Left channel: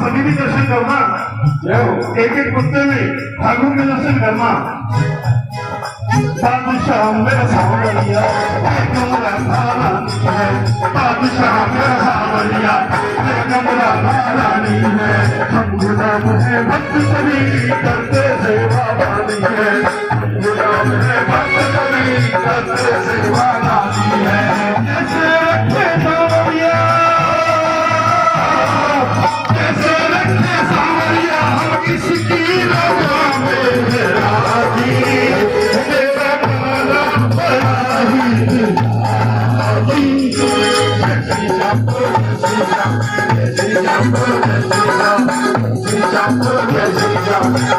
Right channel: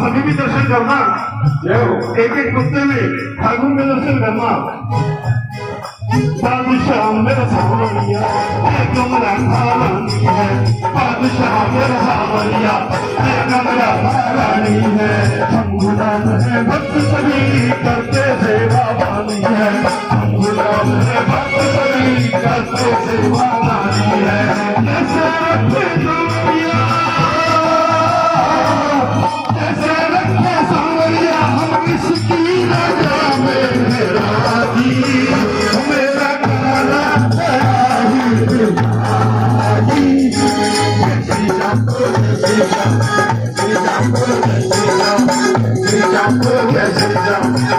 सभी भी दर्शन करना, एक एक कुत्ते में ठाकुर में दर्शन करना। बादशाह मेरा सावरिया मेरा महारानी है, बादशाह मेरा सावरिया मेरा महारानी है। हम गुलाम है भक्त सभी करते सेवा वाली है, हम गुलाम है भक्त सभी करते सेवा वाली है। जैसे रखे सावरिया किसकी राजा में राजी मेरा काला बराही राजी। श्री श्याम श्री श्याम श्री श्याम श्री श्याम श्री श्याम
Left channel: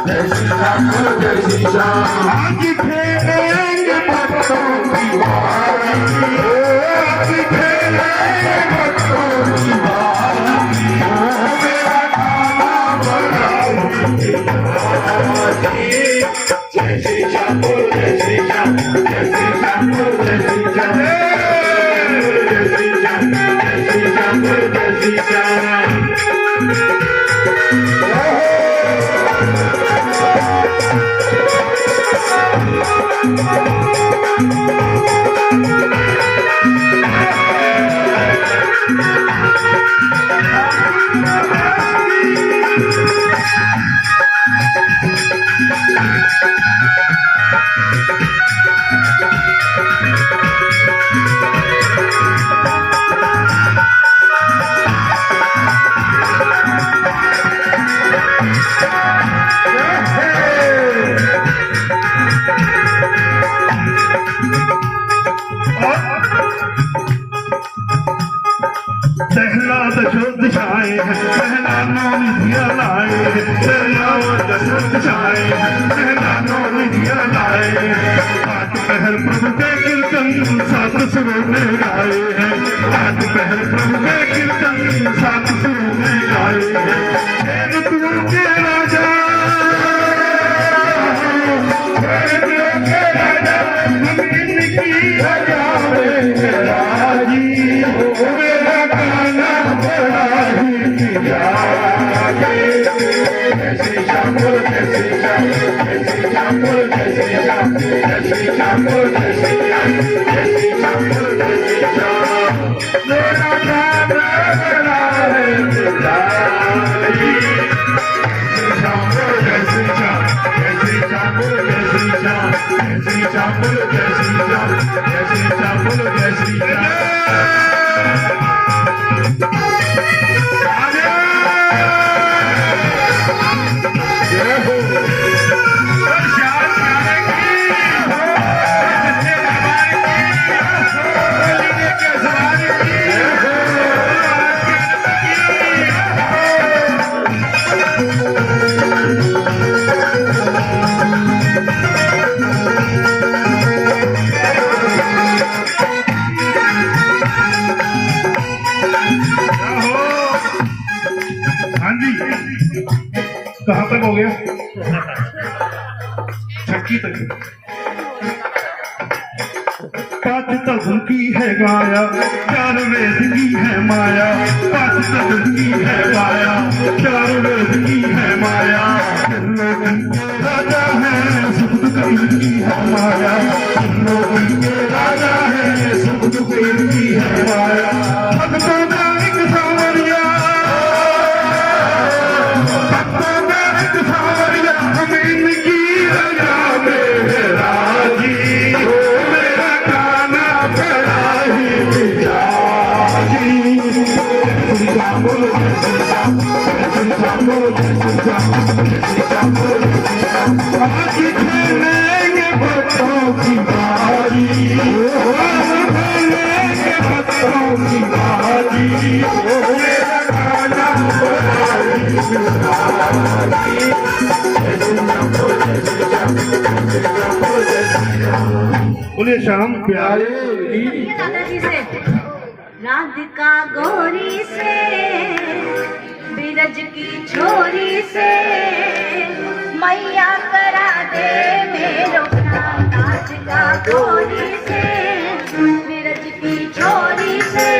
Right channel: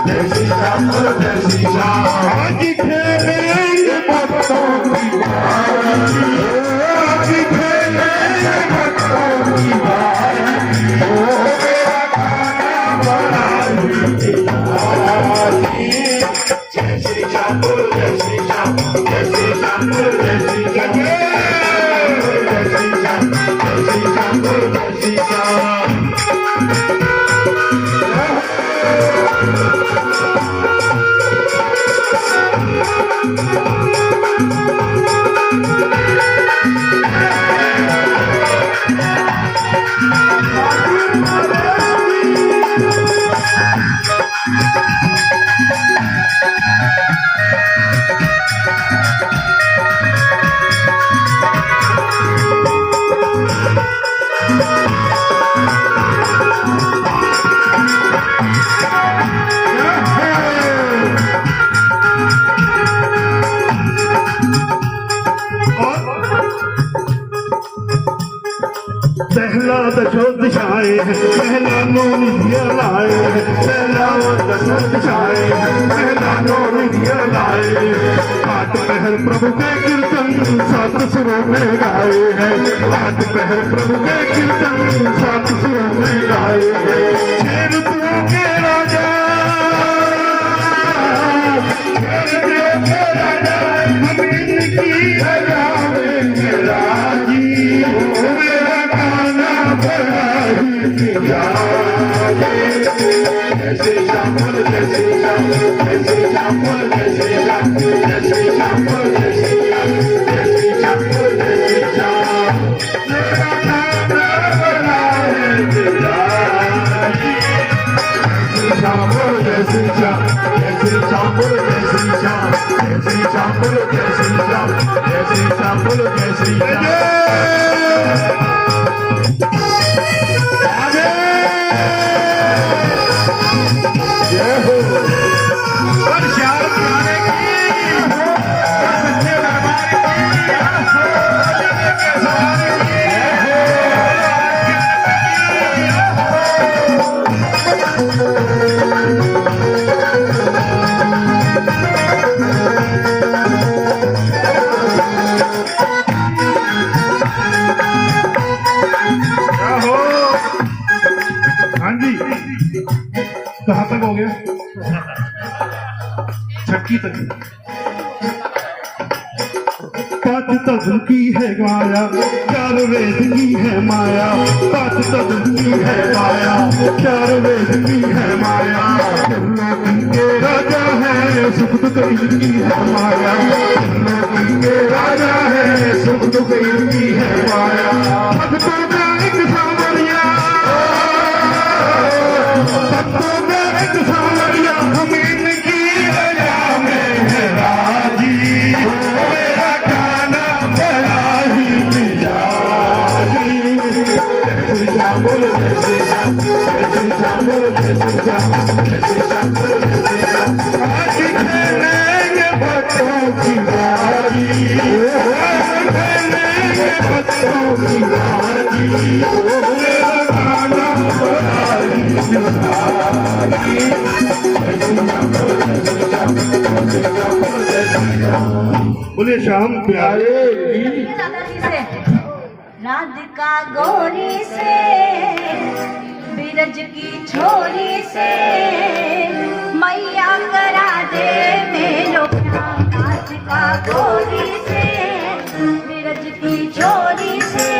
श्री श्याम श्री श्याम। आज फेरेंगे भक्तों की बारी, आज फेरेंगे भक्तों की बारी। जय श्री श्याम जय श्री श्याम जय श्री श्याम जय श्री श्याम जय श्री श्याम जय श्री श्याम जय श्री श्याम। पहला दशो दिशाएं हैं, पहला नौन दिया लाए हैं, पहला दशो दिशाएं हैं, पहला नौन दिया लाए हैं। आठ पहर प्रभु के कीर्तन सात सुरों में गाए हैं, आठ पहर प्रभु के कीर्तन सात सुरों में गाए हैं। शेरपुर के राजा के राजा हम इनकी राजा में राजी। जय श्री श्याम जय श्री श्याम जय श्री श्याम जय श्री श्याम जय श्री श्याम जय श्री श्याम जय श्री श्याम जय श्री श्याम। मेरा दादा बड़ा है पिताजी। श्री श्याम जय श्री श्याम जय श्री श्याम जय श्री श्याम जय श्री श्याम जय श्री श्याम जय श्री श्याम जय श्री श्याम। गीत पाँच तत्व की है गाया, चार वेद की है माया। पाँच तत्व की है गाया, चार वेद की है माया। के राजा है सुख दुख इनकी है माया। के राजा है सुख दुख इनकी है माया। भक्तों का एक सावरिया, भक्तों का एक सावरिया, हम इनकी राजा में है राजी। हो मेरा गाना बड़ा ही मिजाजी। जय श्री राम बोलो, जय श्री राम, जय श्री राम बोलो, जय श्री राम, जय श्री राम बोलो, जय श्री राम। आज खेलेंगे भक्तों की बारी, खेलेंगे भक्तों की बारी। हो मेरा गाना बड़ा ही मिजाजी। जय श्री राम बोलो, जय श्री राम, जय श्री राम बोलो, जय श्री राम। बोले श्याम प्यारे राधिका गोरी से बिरज की छोरी से मैया करा दे मेरो काम। राधिका गोरी से बिरज की छोरी से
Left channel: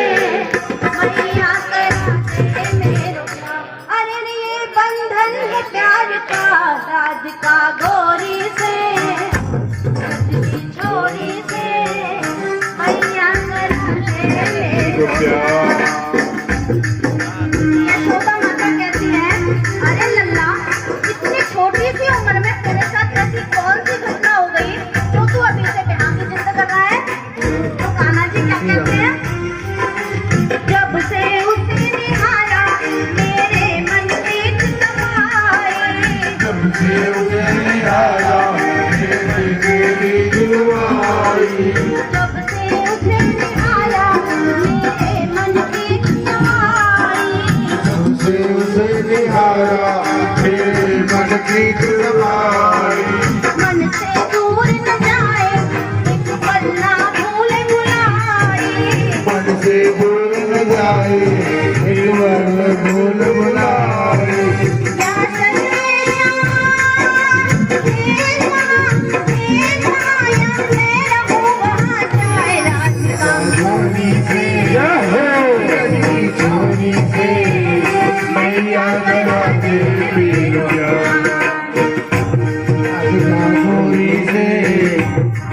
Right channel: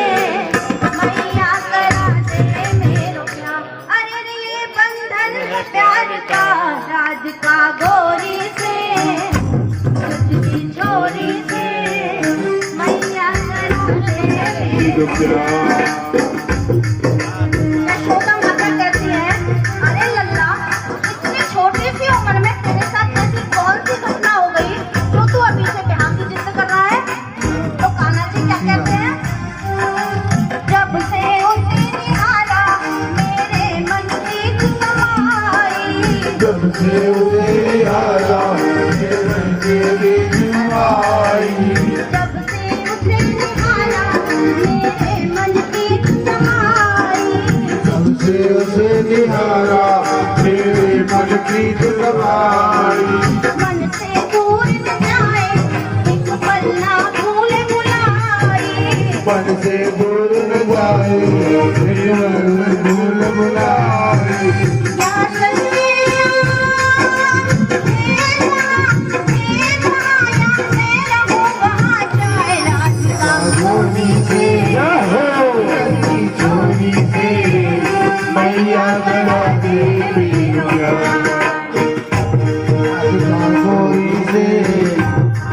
मैया करा दे मेरो काम। अरे ये बंधन है प्यार का राधिका गोरी से बिरज की छोरी से मैया करा दे मेरो यशोदा माता कहती है, अरे लल्ला इतनी छोटी सी उम्र में तेरे साथ ऐसी कौन सी घटना हो गई जो तू अभी से ब्याह की जिद कर रहा है। तो कान्हा जी क्या कहते हैं, जब से उसे निहारा मेरे मन में समाई। जब से उसे निहारा मेरी दिलवाई। जब से उसे निहारा मेरे मन की समाई। से उसे निहारा मेरे मन की दिलवाई। मन से दूर न जाए एक पल ना भूल भुलाई। मन से दूर न जाए निर्मल भूल भुलाई। या सन्निया या मेरा वहाँ जाए राधिका गोरी से मेरी चोरी से मैया करा दे मेरा प्यार। गोरी से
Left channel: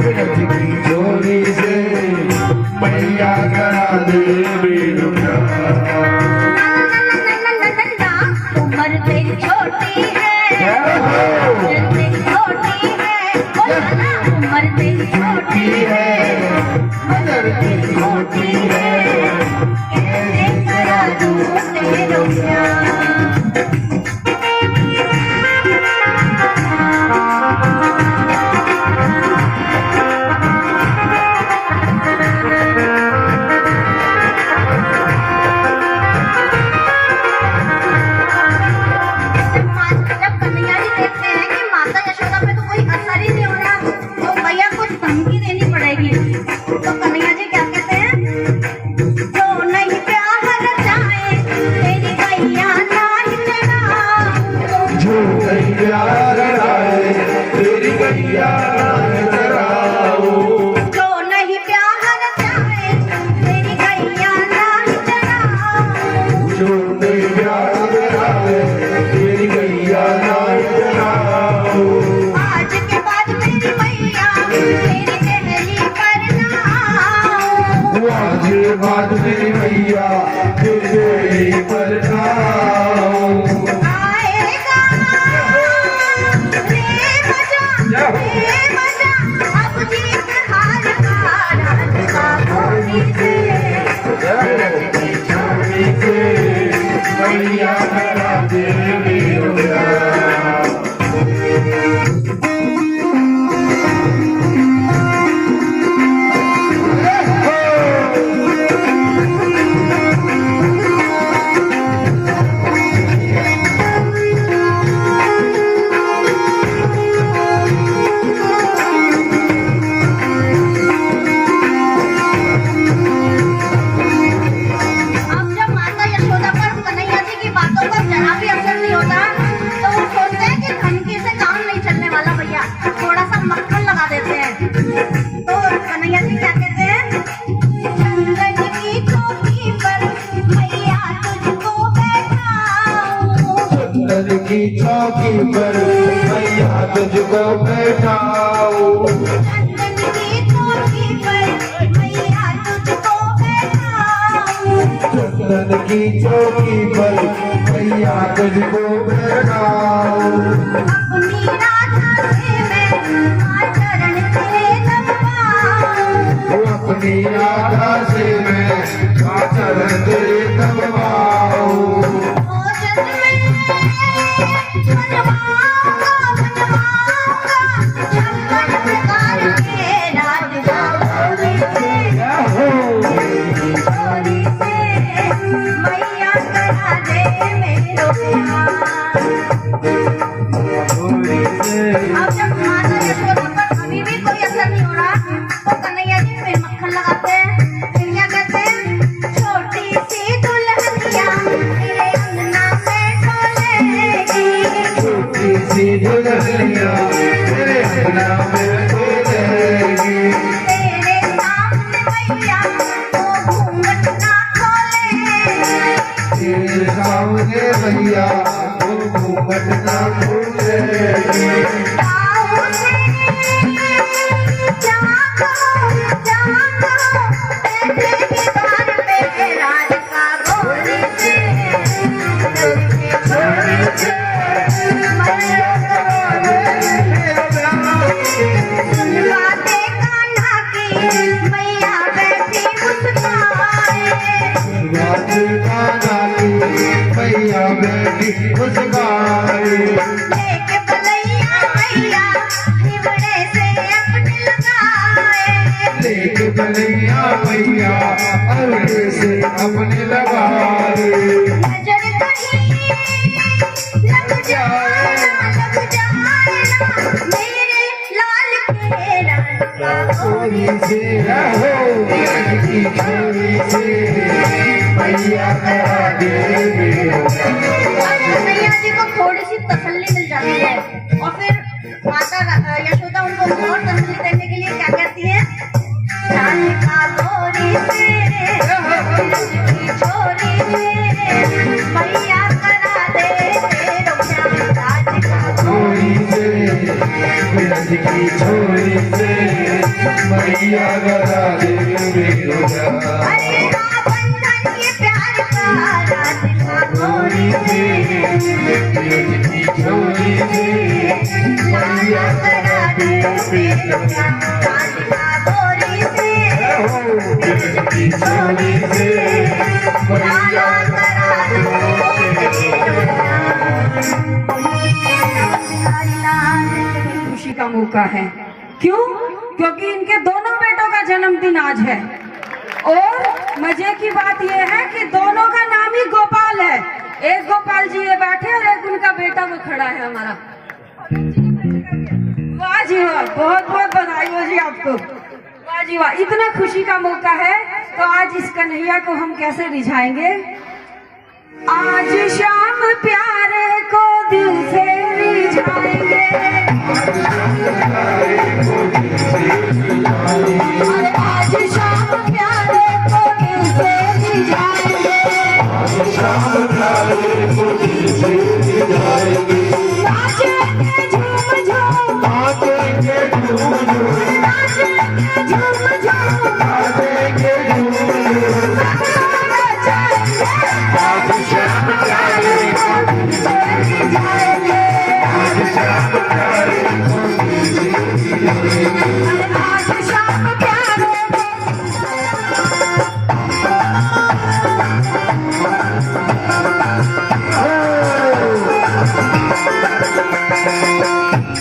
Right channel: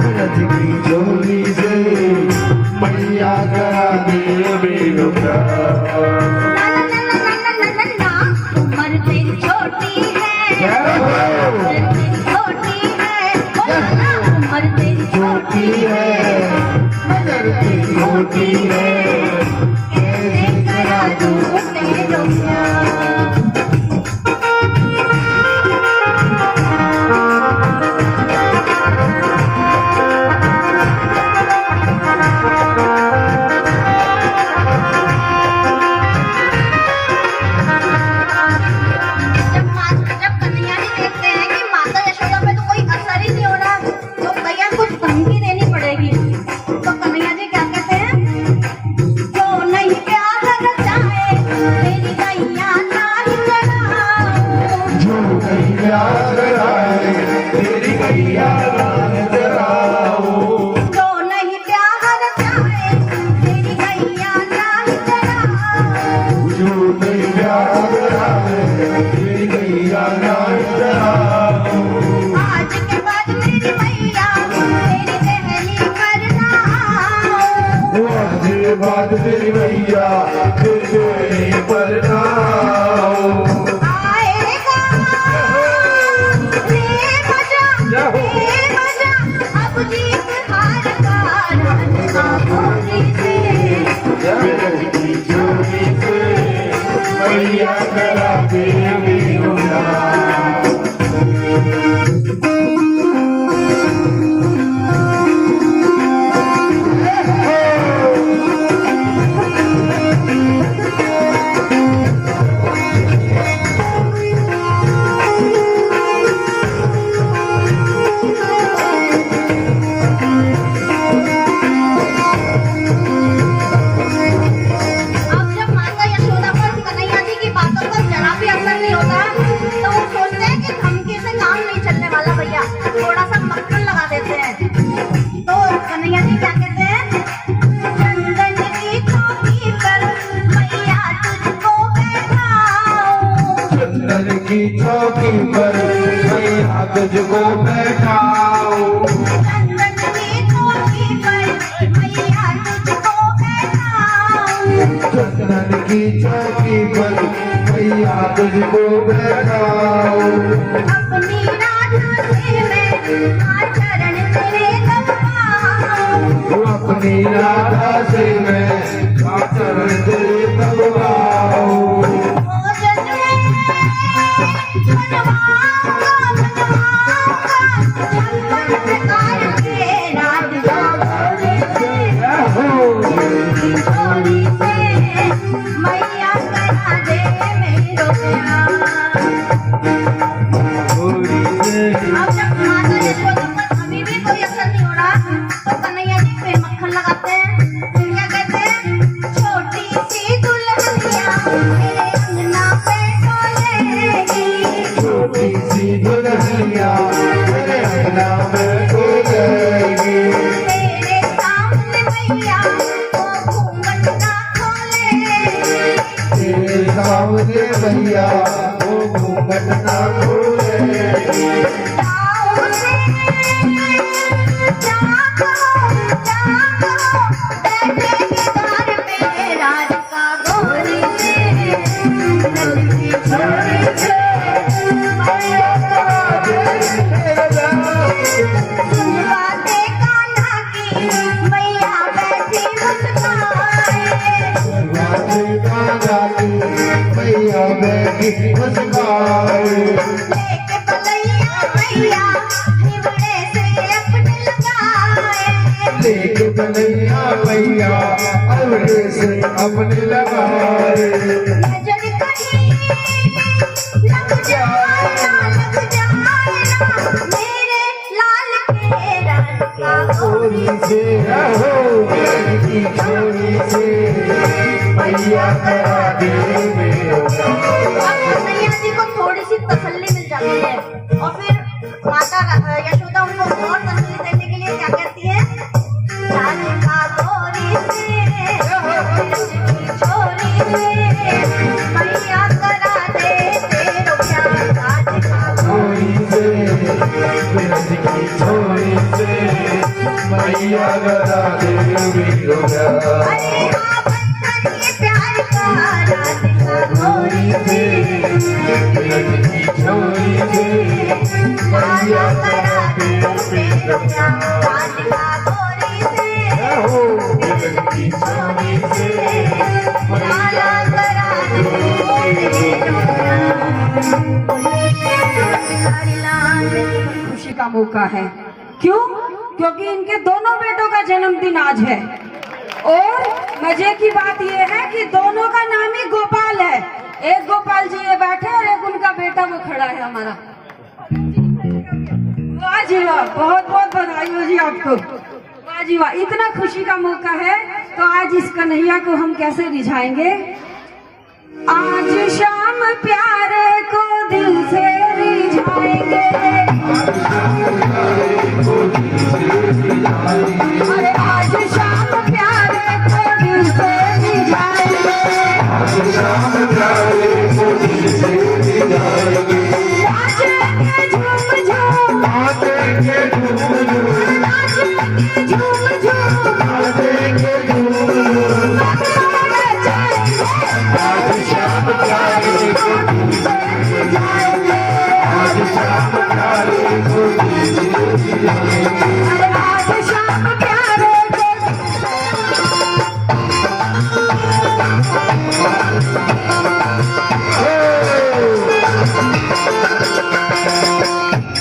मेरी चोरी से मैया करा दे मेरा प्यार। उम्र तेरी छोटी है, उम्र तेरी छोटी है, उम्र तेरी छोटी है, छोटी है कैसे करा दूँ तेरो प्यार। जब कन्हैया जी देखते हैं कि माता यशोदा पे तो कोई असर ही नहीं हो रहा, तो भैया कुछ धमकी देनी पड़ेगी। तो कन्हैया जी क्या कहते हैं, जो नहीं प्यार जाए मेरी गैया नाही चढ़ाऊं। जो नहीं प्यार आए तेरी गैया चराओ। जो नहीं प्यार जाए मेरी गैया नाही चढ़ाऊं। जो नहीं प्यार आए तेरी गैया चराओ। आज के बाद मेरी मैया तेरी पहली करनाऊं। आज के बाद तेरी गैया तेरे पर आओ। आएगा रे बजा रे की चौकी पर मैया तुझको बैठाऊं। अपनी राधा से मैं चरण तेरे दबाऊं। अपनी राधा से मैं चरण तेरे दबाऊं। मैया करा दे मेरो प्यार। अब जब माता यशोदा पर अभी भी कोई असर नहीं हो रहा तो कन्हैया जी फिर मक्खन लगाते हैं। फिर क्या कहते हैं, छोटी सी दुल्हनिया तेरे अंगना में डोलेगी। छोटी सी दुल्हनिया तेरे अंगना में डोलेगी। तेरे सामने मैया वो घूंघट ना खोले। तेरे सामने मैया वो घूंघट ना खोलेगी। मैया बैठी मुस्काए। लेके बलैया मैया हिवड़े से अपने लगाए। लेके बलैया मैया अवरे से अपने लगाए। नजर कहीं लग जाए ना मेरे लाल के राधिका छोरी से रहो की छोरी से मैया करा दे मेरो प्यार। कन्हैया जी को थोड़ी सी तसल्ली मिल जाती है और फिर माता यशोदा उनको और तसल्ली देने के लिए क्या कहती है, राधिका गोरी से छोरी से मैया करा दे मेरो प्यार। राधिका छोरी से की छोरी से मैया करा दे मेरो प्यार। अरे हाँ बंधन ये प्यार का राधिका गोरी से की छोरी से मैया करा दे मेरो प्यार। राधिका गोरी से की छोरी से मैया करा दे। खुशी का मौका है। क्यों? क्योंकि इनके दोनों बेटों का जन्मदिन आज है और मजे की बात यह है कि दोनों का नाम ही गोपाल है। एक गोपाल जी ये बैठे और एक उनका बेटा वो खड़ा है हमारा। वाह जी वाह, बहुत बहुत बधाई हो जी आपको। वाह जी वाह, इतना खुशी का मौका है तो आज इस कन्हैया को हम कैसे रिझाएंगे। आज शाम प्यारे को दिल से रिझाएंगे। अरे आज शाम प्यारे को दिल से रिझाएंगे।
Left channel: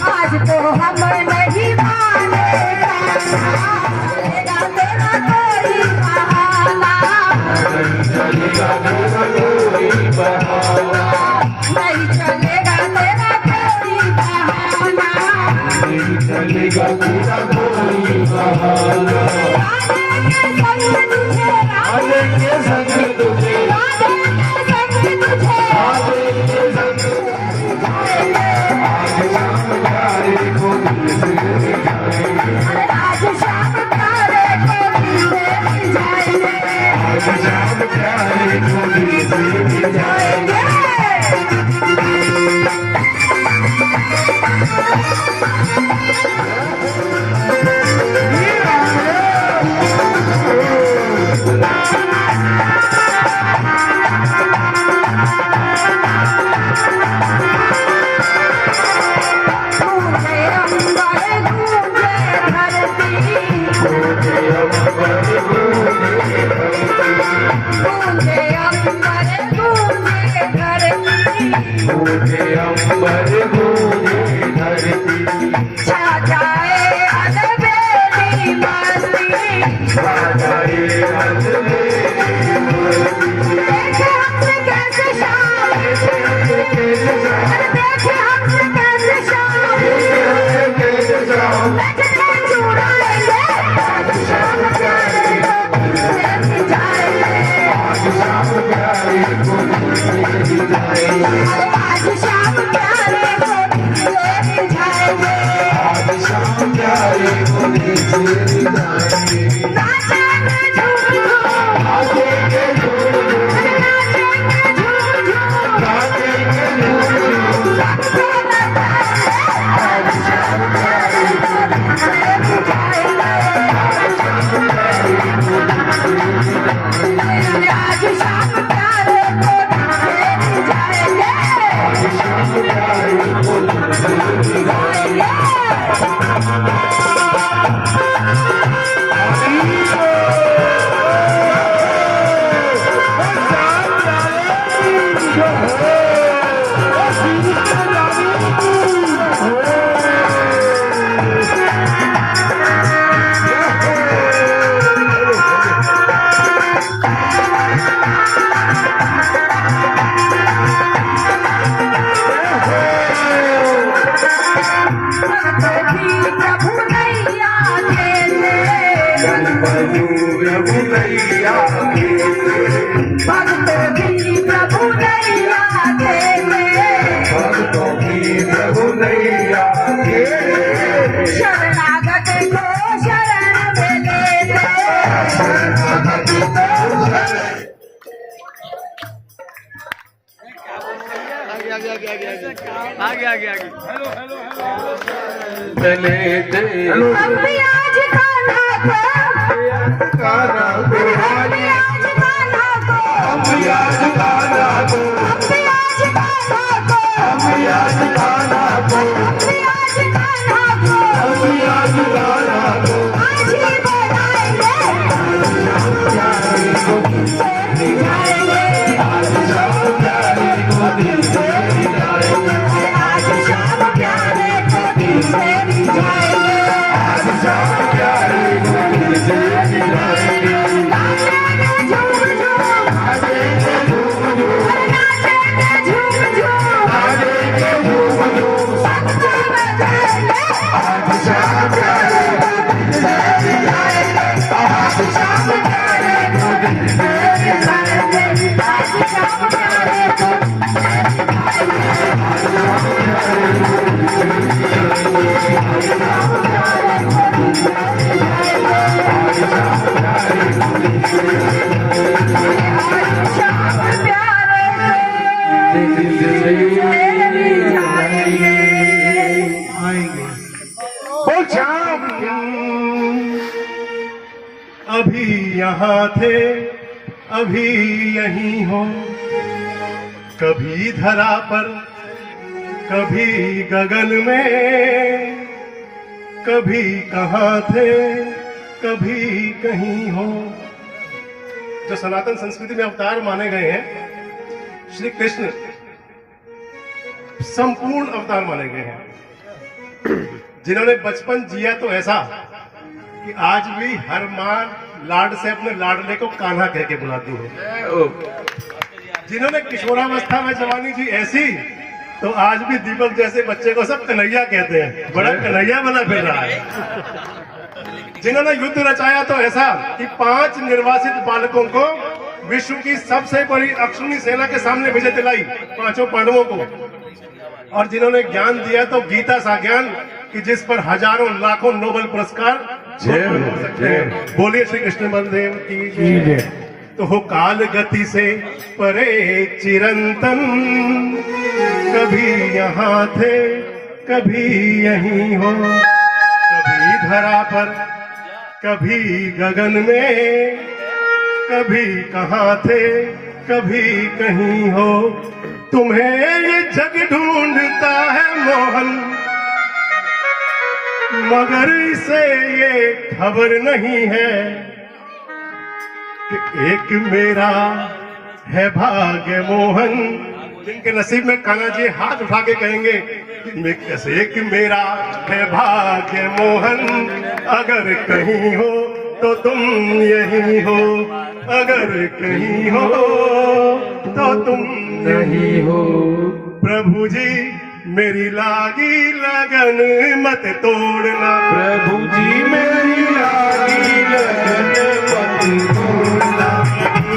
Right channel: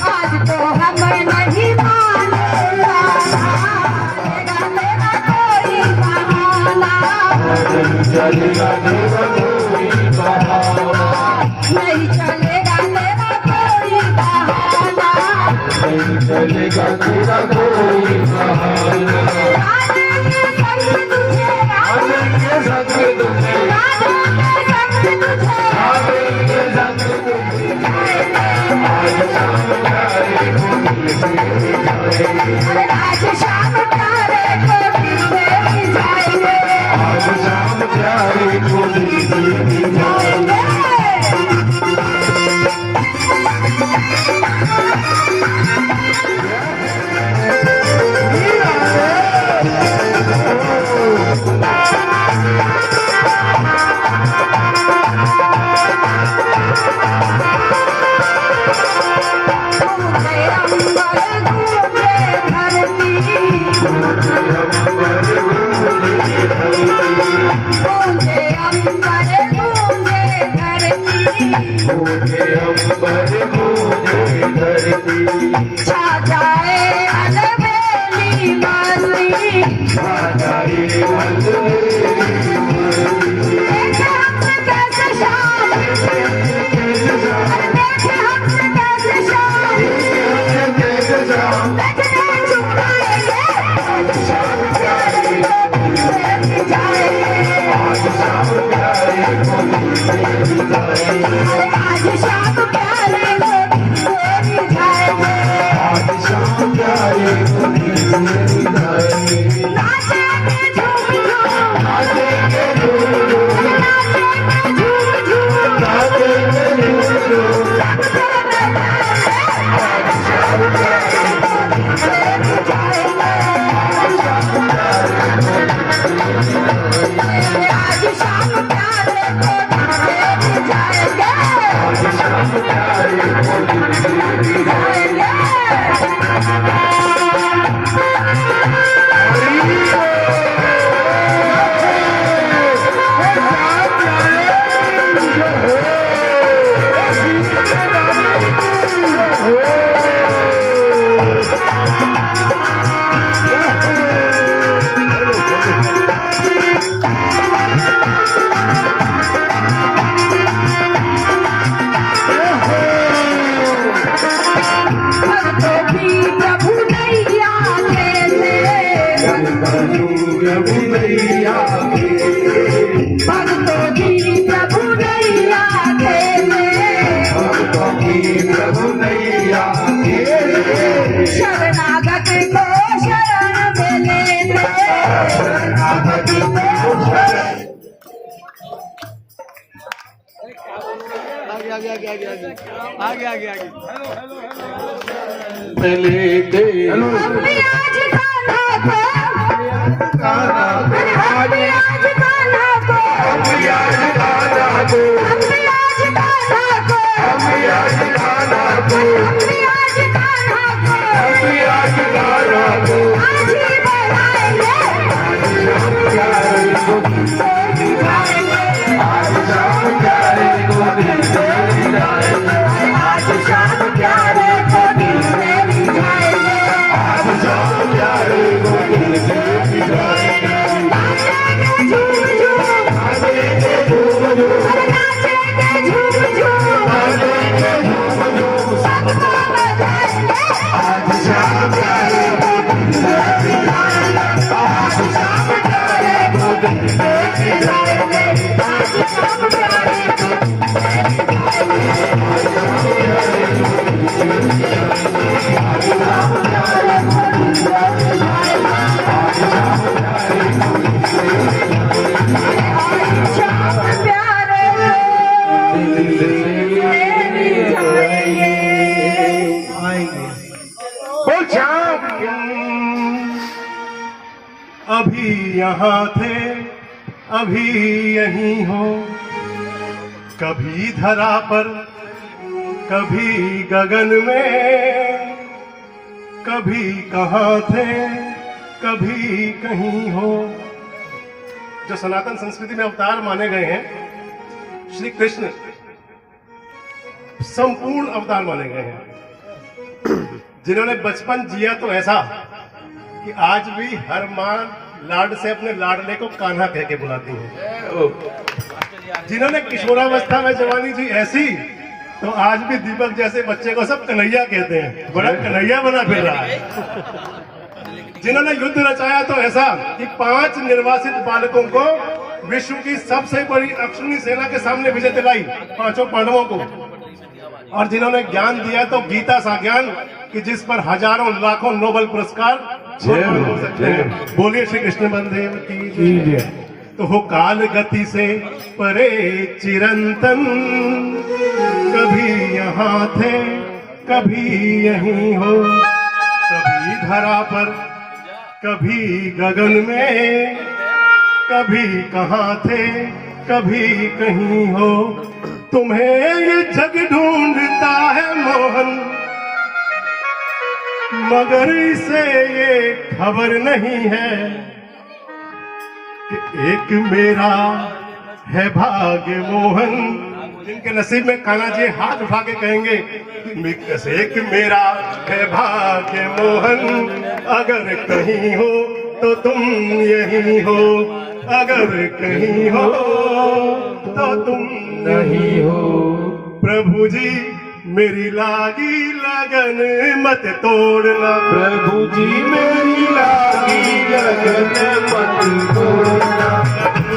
आज तो हमें नहीं मानेगा, मेरा कोई बहाना चलेगा तेरा कोई बहाना। नहीं चलेगा तेरा कोई बहाना। नहीं चलेगा तेरा कोई बहाना। आलेंगे संग तुझे, आलेंगे संग तुझे, आलेंगे संग तुझे। आलेंगे संग अरे आज शाम प्यारे को दिल से रिझाएंगे। आज शाम प्यारे को दिल से रिझाएंगे। आ जाए अलबेली मस्ती, देखे हमसे कैसे शाम, देखे हमसे कैसे शाम, बैठने जुड़ेंगे आज शाम प्यारे को लेके जाएंगे, आज शाम प्यारे को लेके जाएंगे, आज शाम प्यारे को लेके जाएंगे, आज शाम प्यारे को लेके जाएंगे, नाचेंगे झूम झूम, नाचेंगे झूम झूम, नाचेंगे झूम झूम, आज शाम प्यारे को लेके जाएंगे, आज शाम प्यारे को लेके जाएंगे, आज शाम प्यारे को लेके जाएंगे, आज शाम प्यारे को लेके प्रभु नैया खेले, प्रभु नैया भक्तों की प्रभु नैया खेले, प्रभु नैया शरणागत को शरण में ले चले दे हम भी आज गाना को, हम भी आज गाना को, हम आज गाना दो, हम भी आज गाना को, हम आज गाना दो, हम भी आज गाना को, हम आज गाना दो, आज ही बनाएंगे, आज शाम प्यारे को दिल से जाएंगे, आज शाम प्यारे को दिल से रिझाएंगे, आज शाम प्यारे को दिल से जाएंगे, नाचेंगे झूम झूम, नाचेंगे झूम झूम, नाचेंगे झूम झूम, नाचेंगे झूम झूम, सबको बधाएंगे, आज शाम प्यारे को दिल से जाएंगे, आज शाम प्यारे को दिल से जाएंगे, आज शाम प्यारे को शाम प्यारे बोल शाम अभी यहाँ थे अभी यहीं हो, कभी धरा पर कभी गगन में, कभी कहाँ थे कभी कहीं हो। जो सनातन संस्कृति में अवतार माने गए हैं, श्री कृष्ण संपूर्ण अवतार माने गए हैं, जिन्होंने बचपन जिया तो ऐसा कि आज भी हर मां लाड से अपने लाडले को कान्हा कह के बुलाती है। जिन्होंने किशोरावस्था में जवानी जी ऐसी, तो आज भी दीपक जैसे बच्चे को सब कन्हैया कहते हैं, बड़ा कन्हैया बना फिर रहा है। जिन्होंने युद्ध रचाया तो ऐसा कि 5 निर्वासित बालकों को विश्व की सबसे बड़ी अक्षुणी सेना के सामने विजय दिलाई, 5 पांडवों को। और जिन्होंने ज्ञान दिया तो गीता सा ज्ञान कि जिस पर हजारों लाखों नोबेल पुरस्कार हो सकते हैं। बोलिए श्री कृष्ण बलदेव की जय। तो हो काल गति से परे चिरंतन, कभी यहाँ थे कभी यहीं हो, कभी धरा पर कभी गगन में, कभी कहाँ थे कभी कहीं हो। तुम्हें ये जग ढूंढता है मोहन, मगर इसे ये खबर नहीं है कि एक मेरा है भाग्य मोहन। जिनके नसीब में कान्हा जी हाथ उठा के कहेंगे एक मेरा है भाग्य मोहन, अगर कहीं हो तो तुम यही हो, अगर कहीं हो तो तुम नहीं हो। प्रभु जी मेरी लागी लगन मत तोड़ना, प्रभु जी मेरी लागी लगन मत तोड़ना, प्रभु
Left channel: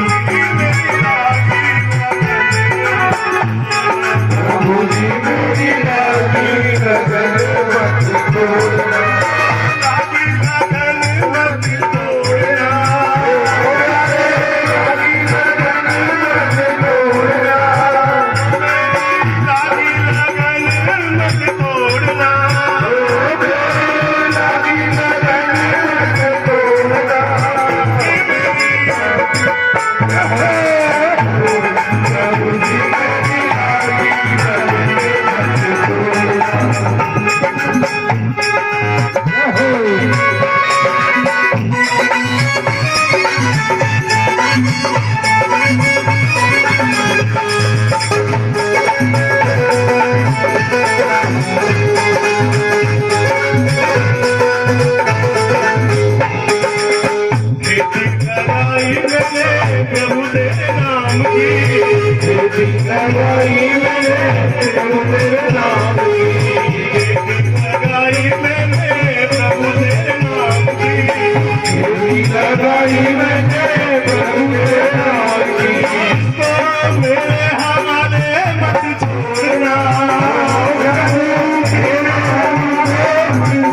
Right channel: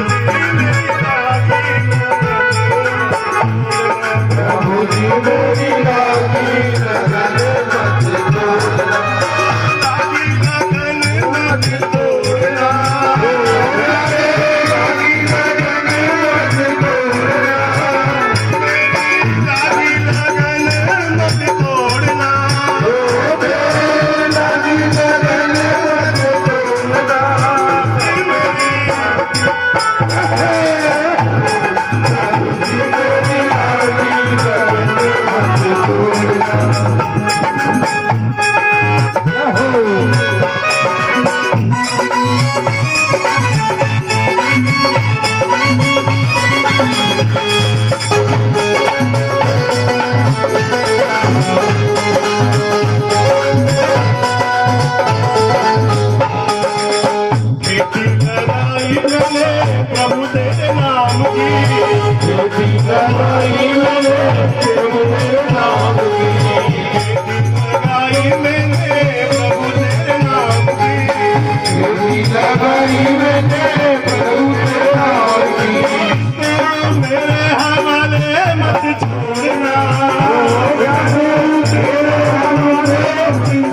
जी मेरी लागी लगन मत तोड़ना, लागी लगन मत तोड़ना, लागी लगन मत तोड़ना, लागी लगन मत तोड़ना। लागी लगन मत तोड़ना। प्रभु जी मेरी लागी लगन मत तोड़ना। खेती लगाई मैंने प्रभु तेरे नाम की, खेती लगाई मैंने प्रभु तेरे नाम की, खेती लगाई मैंने प्रभु तेरे नाम की, खेती लगाई मैंने प्रभु तेरे नाम की, तो मेरे हवाले मत छोड़ना, तेरे हवाले मत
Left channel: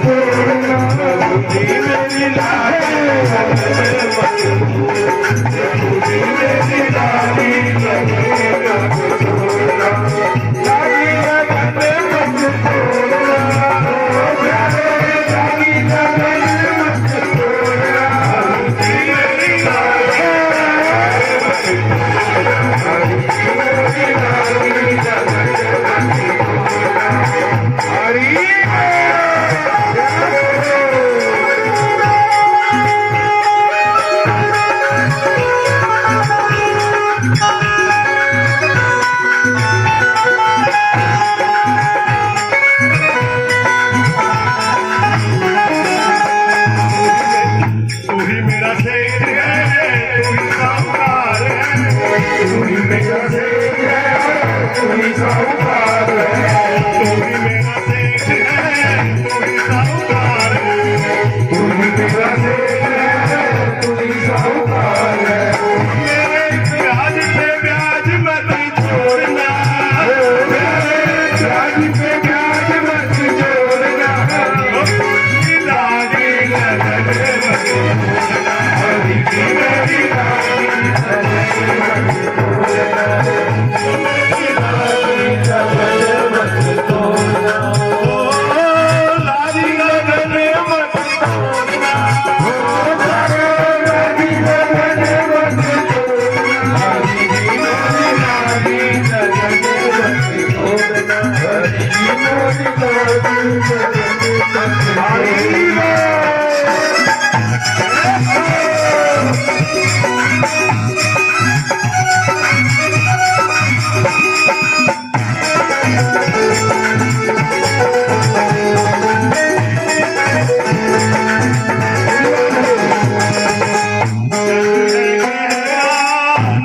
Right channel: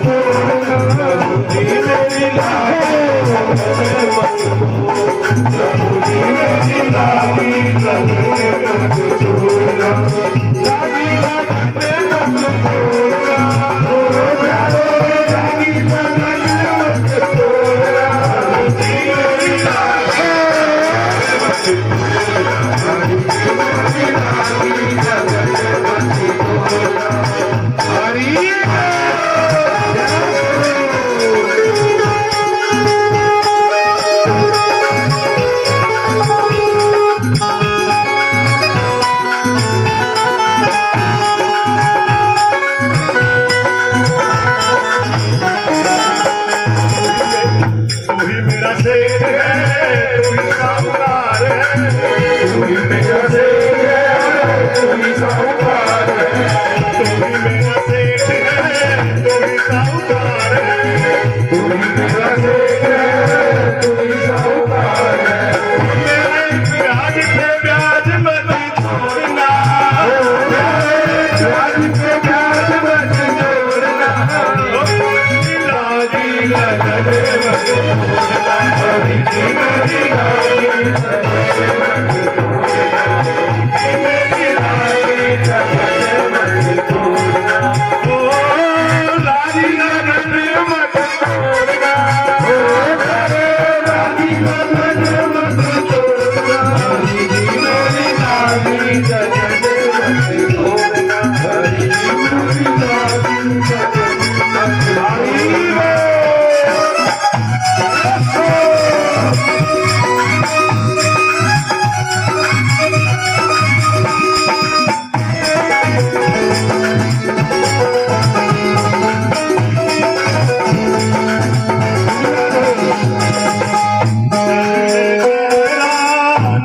छोड़ना। प्रभु जी मेरी लागी लगन मत तोड़ना, प्रभु जी मेरी लागी लगन मत तोड़ना, लागी लगन मत तोड़ना, लागी लगन मत तोड़ना। प्रभु जी मेरी लागी तू ही मेरा सेठ है, तू ही साहूकार है, तू ही मेरा सेठ है, तू ही साहूकार है, तू ही मेरा सेठ है, तू ही साहूकार है, तू ही मेरा सेठ है, तू ही साहूकार है। मेरे ब्याज पे ब्याज मत छोड़ना, ब्याज पे ब्याज मत छोड़ना, लागी लगन मत प्रभु जी मेरी लागी लगन मत तोड़ना, लागी लगन मत छोड़ना, लागी लगन मत तोड़ना। हरि जी मेरी लागी लगन मत तोड़ना, हरि जी मेरी लागी लगन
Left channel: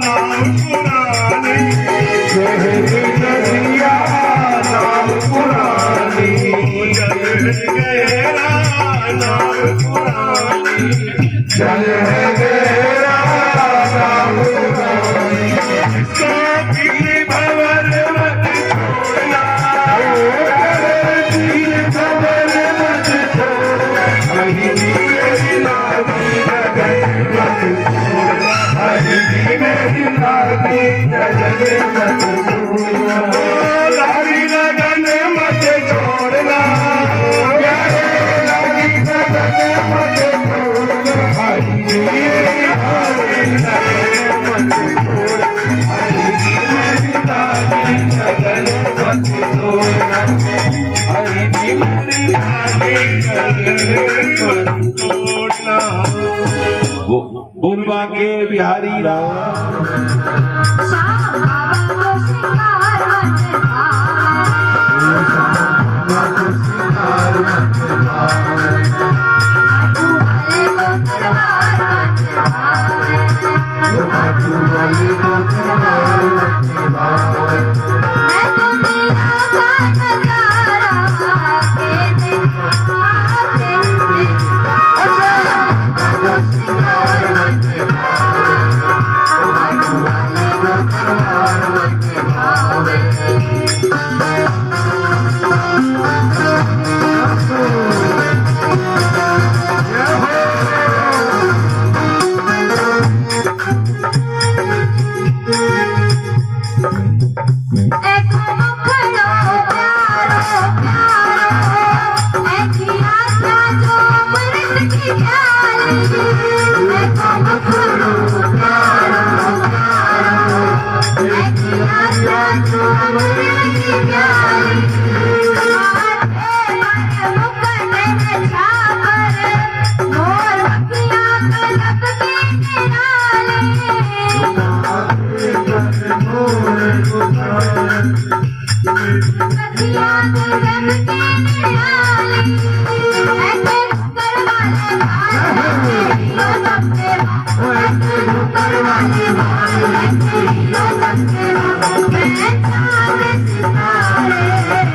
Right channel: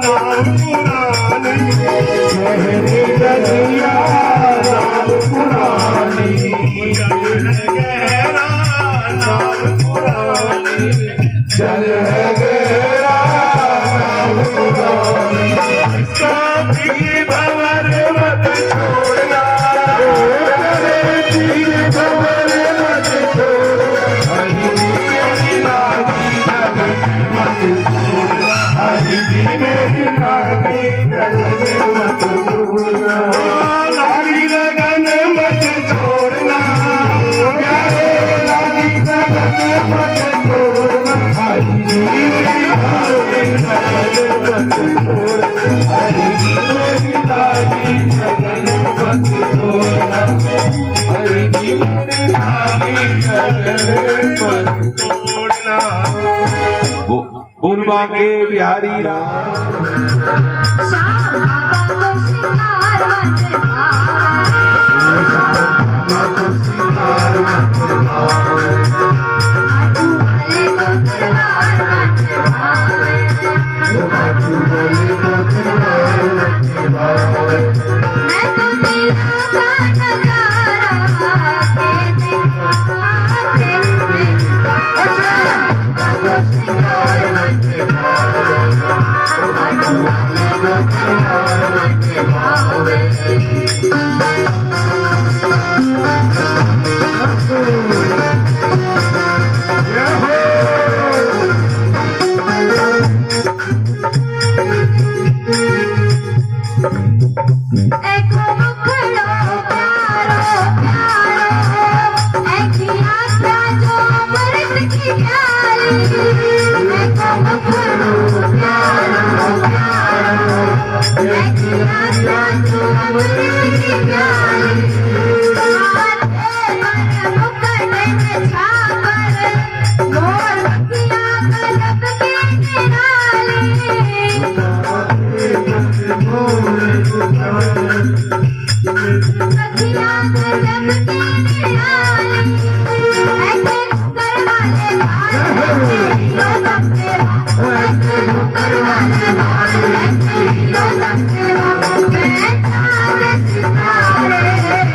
नाम पुरानी, कहने कन्हैया नाम पुरानी, जग है गहरा नाम पुरानी, जल है गहरा नाम पुरानी, इसको भी भंवर मत छोड़ना, तीर खबर मत छोड़ना। हरि जी मेरी लागी लगन मत छोड़ना, हरि जी मेरी लागी लगन मत छोड़ना, लागी लगन मत छोड़ना, लागी लगन मत छोड़ना। हरि जी मेरी लागी लगन मत छोड़ना, हरि जी मेरी लागी लगन मत छोड़ना, हरि जी मेरी लागी लगन मत छोड़ना। बुलवा के बिहारी राम श्याम बाबा को सिंगार मन भाए। अमृत की प्याली मैं कब करूं प्यारो मैं खिलाता तू अमृत की प्याली माथे पर मुकुट में छापर मोर पखियां कलब के किनारे पखियां कलब के किनारे ऐसे कर वाले लो सबसे ऐसे कर वाले लो सबसे मैं चांद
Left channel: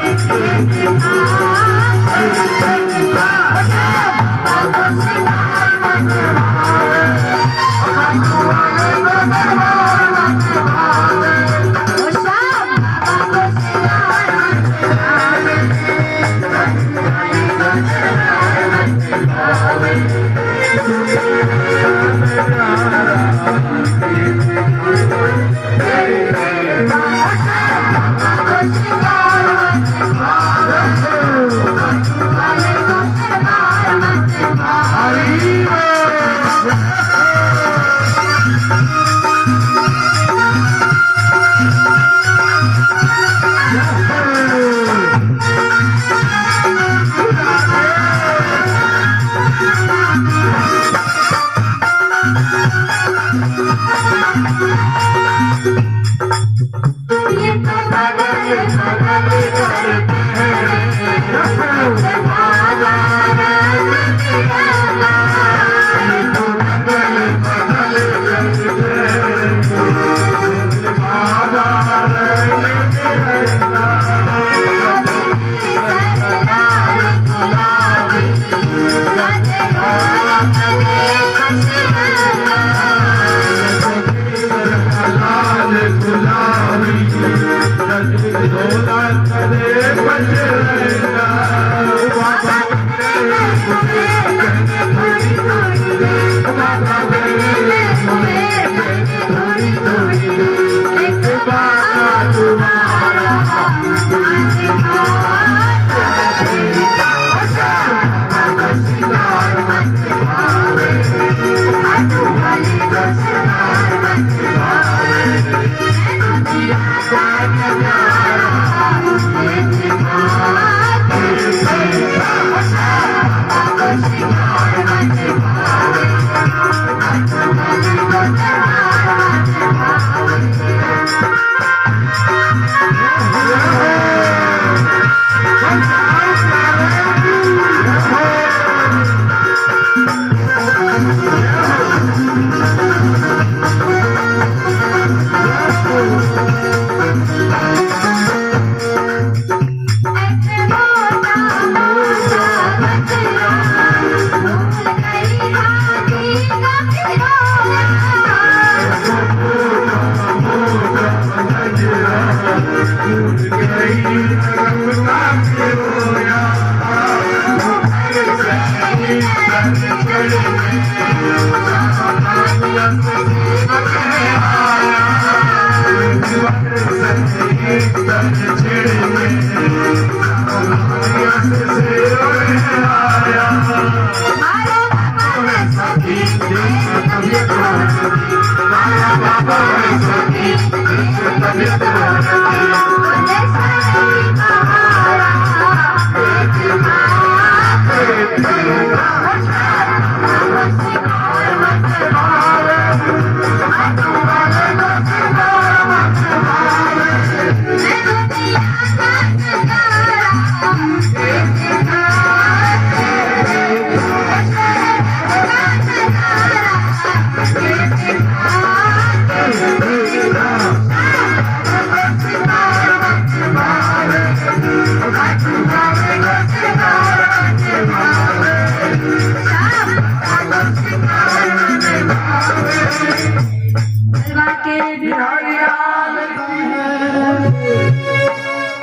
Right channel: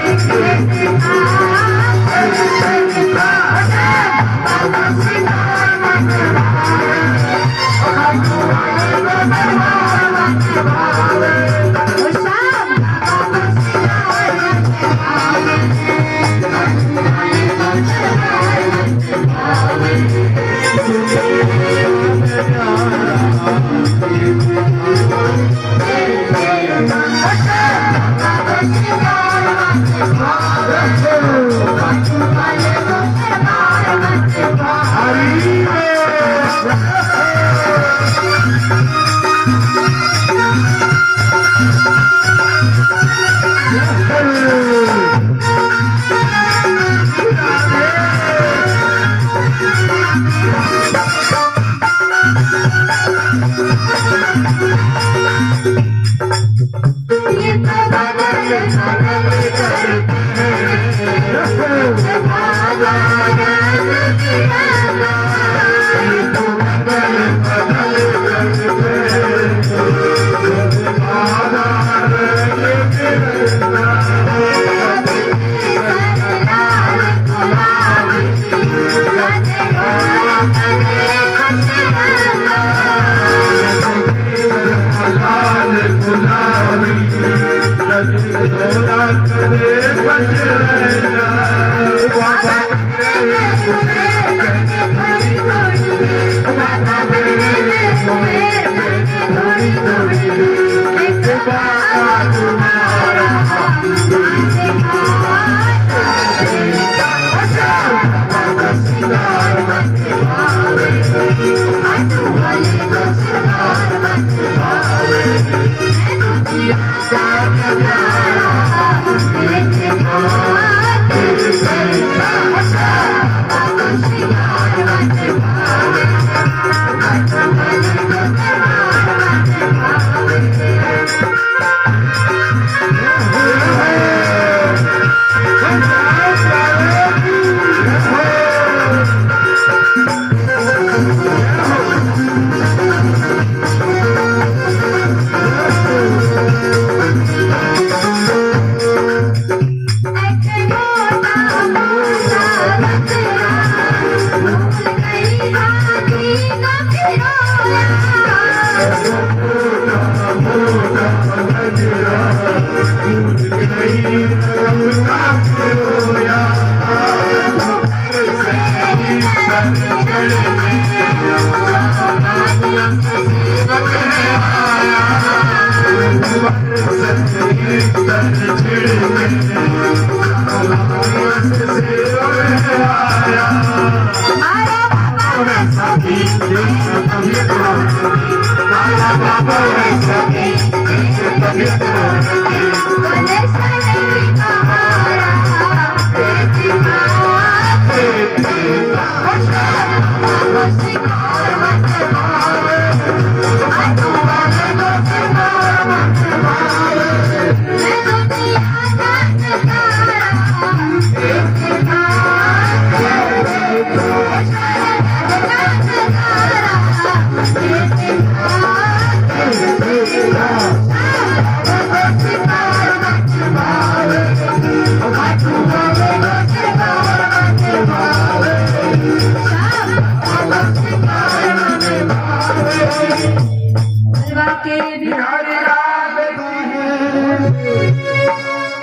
सितारे ये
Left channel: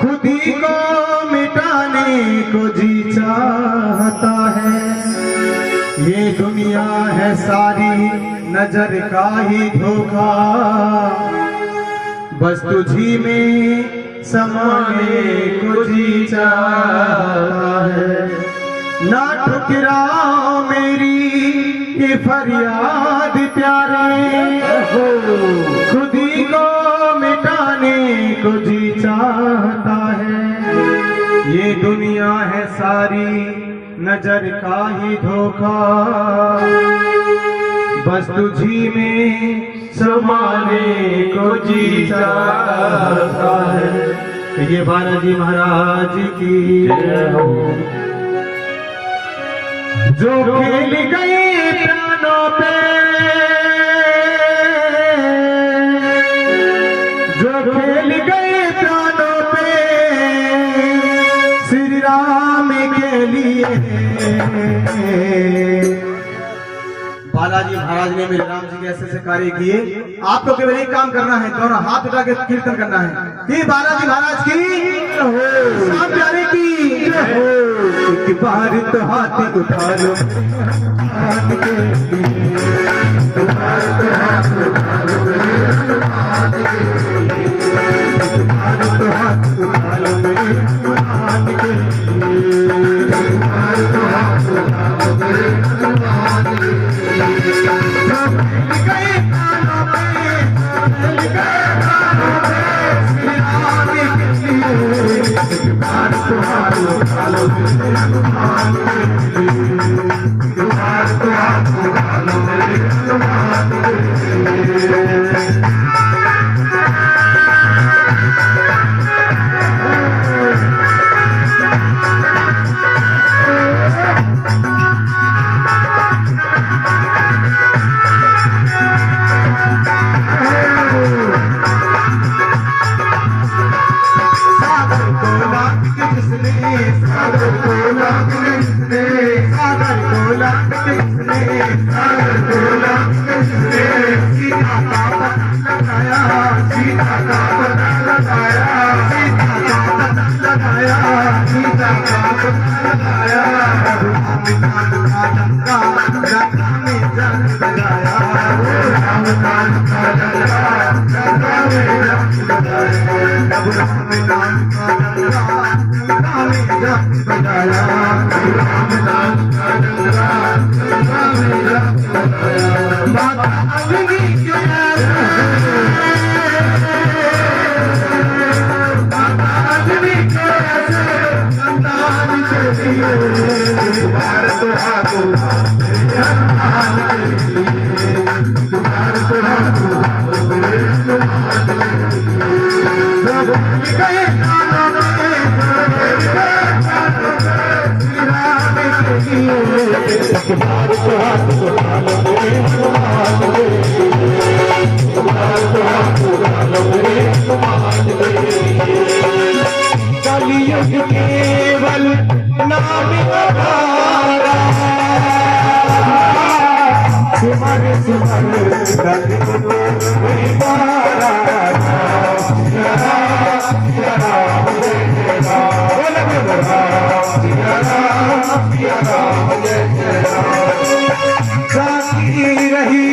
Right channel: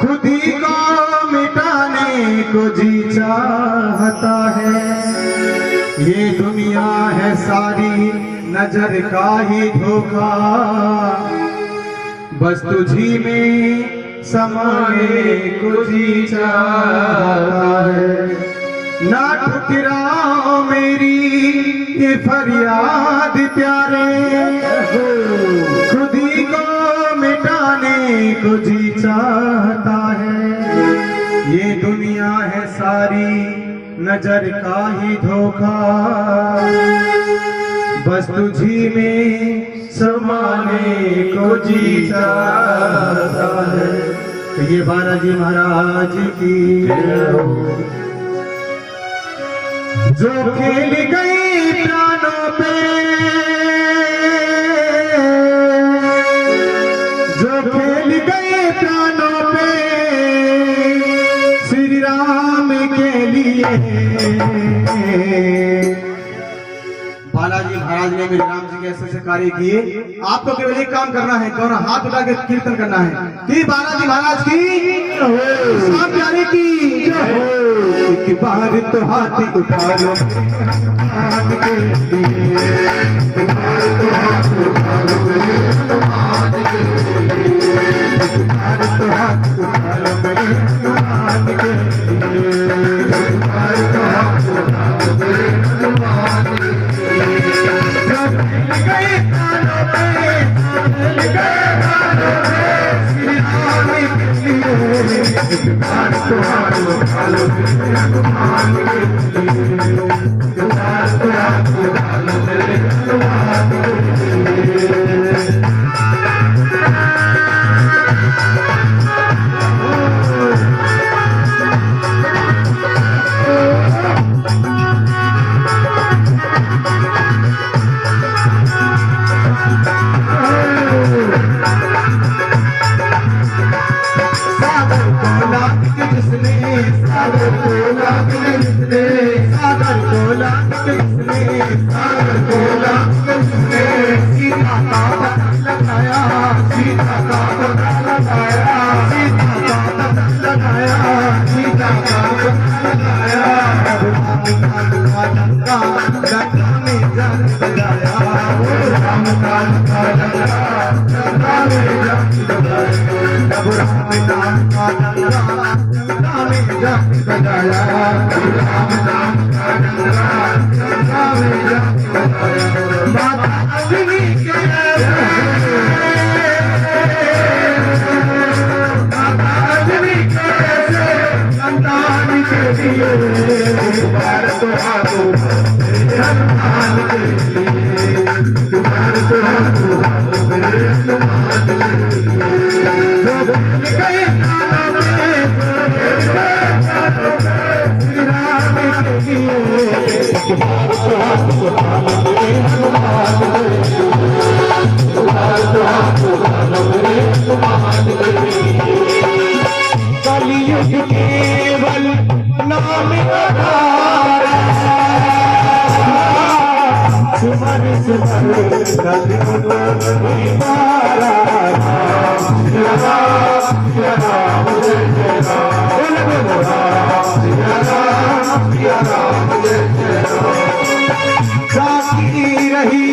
खुद ही को मिटाने को जी चाहता है। ये दुनिया है सारी नजर का ही धोखा, बस तुझी में समाने को जी चाहता है। ना ठुकराओ मेरी ये फरियाद प्यारे, खुद ही को मिटाने को जी चाहता है। ये दुनिया है सारी नजर का ही धोखा, बस तुझी में समाने को जी चाहता है। ये बालाजी महाराज की जय हो। जो खेल गई प्राणों पे, जो खेल गए प्राणों पे श्री राम के लिए। बालाजी महाराज ने मेरे राम जी के ऐसे कार्य किए। आपको केवल एक काम करना है, दोनों हाथ उठा के कीर्तन करना है कि बालाजी महाराज की राम प्यारे की एक बार तो हाथ उठा लो हाथ के लिए, एक बार तो हाथ उठा लो मेरे हनुमान के लिए, एक बार तो हाथ उठा लो मेरे हनुमान के लिए, एक बार तो हाथ उठा लो मेरे हनुमान के लिए। गए प्राणों पे, गए प्राणों पे श्री राम के लिए, एक बार तो हाथ उठा लो मेरे हनुमान के लिए, एक बार तो हाथ उठा लो मेरे हनुमान के लिए। केवल नाम आधारा, सिमर सिमर रही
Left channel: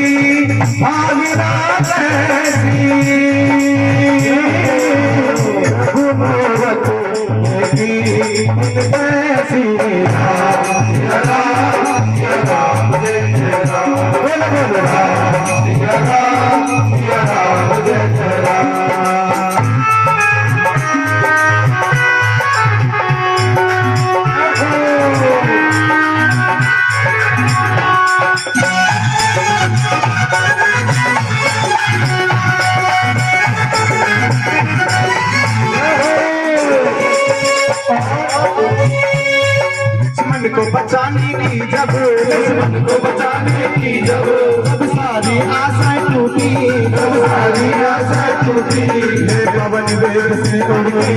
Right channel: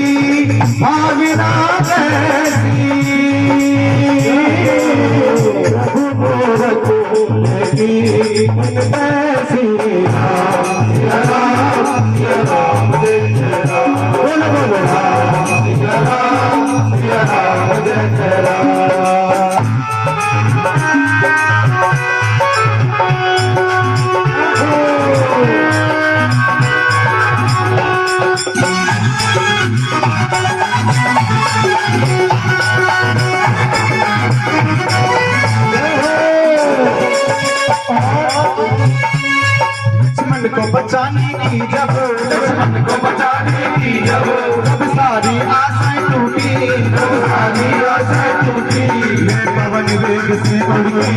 लक्ष्मण को बचाने की जब, लक्ष्मण को बचाने की जब, जब सारी आशाएं टूटी, जब सारी आशाएं टूटी, मैं पवन वेग से उड़ के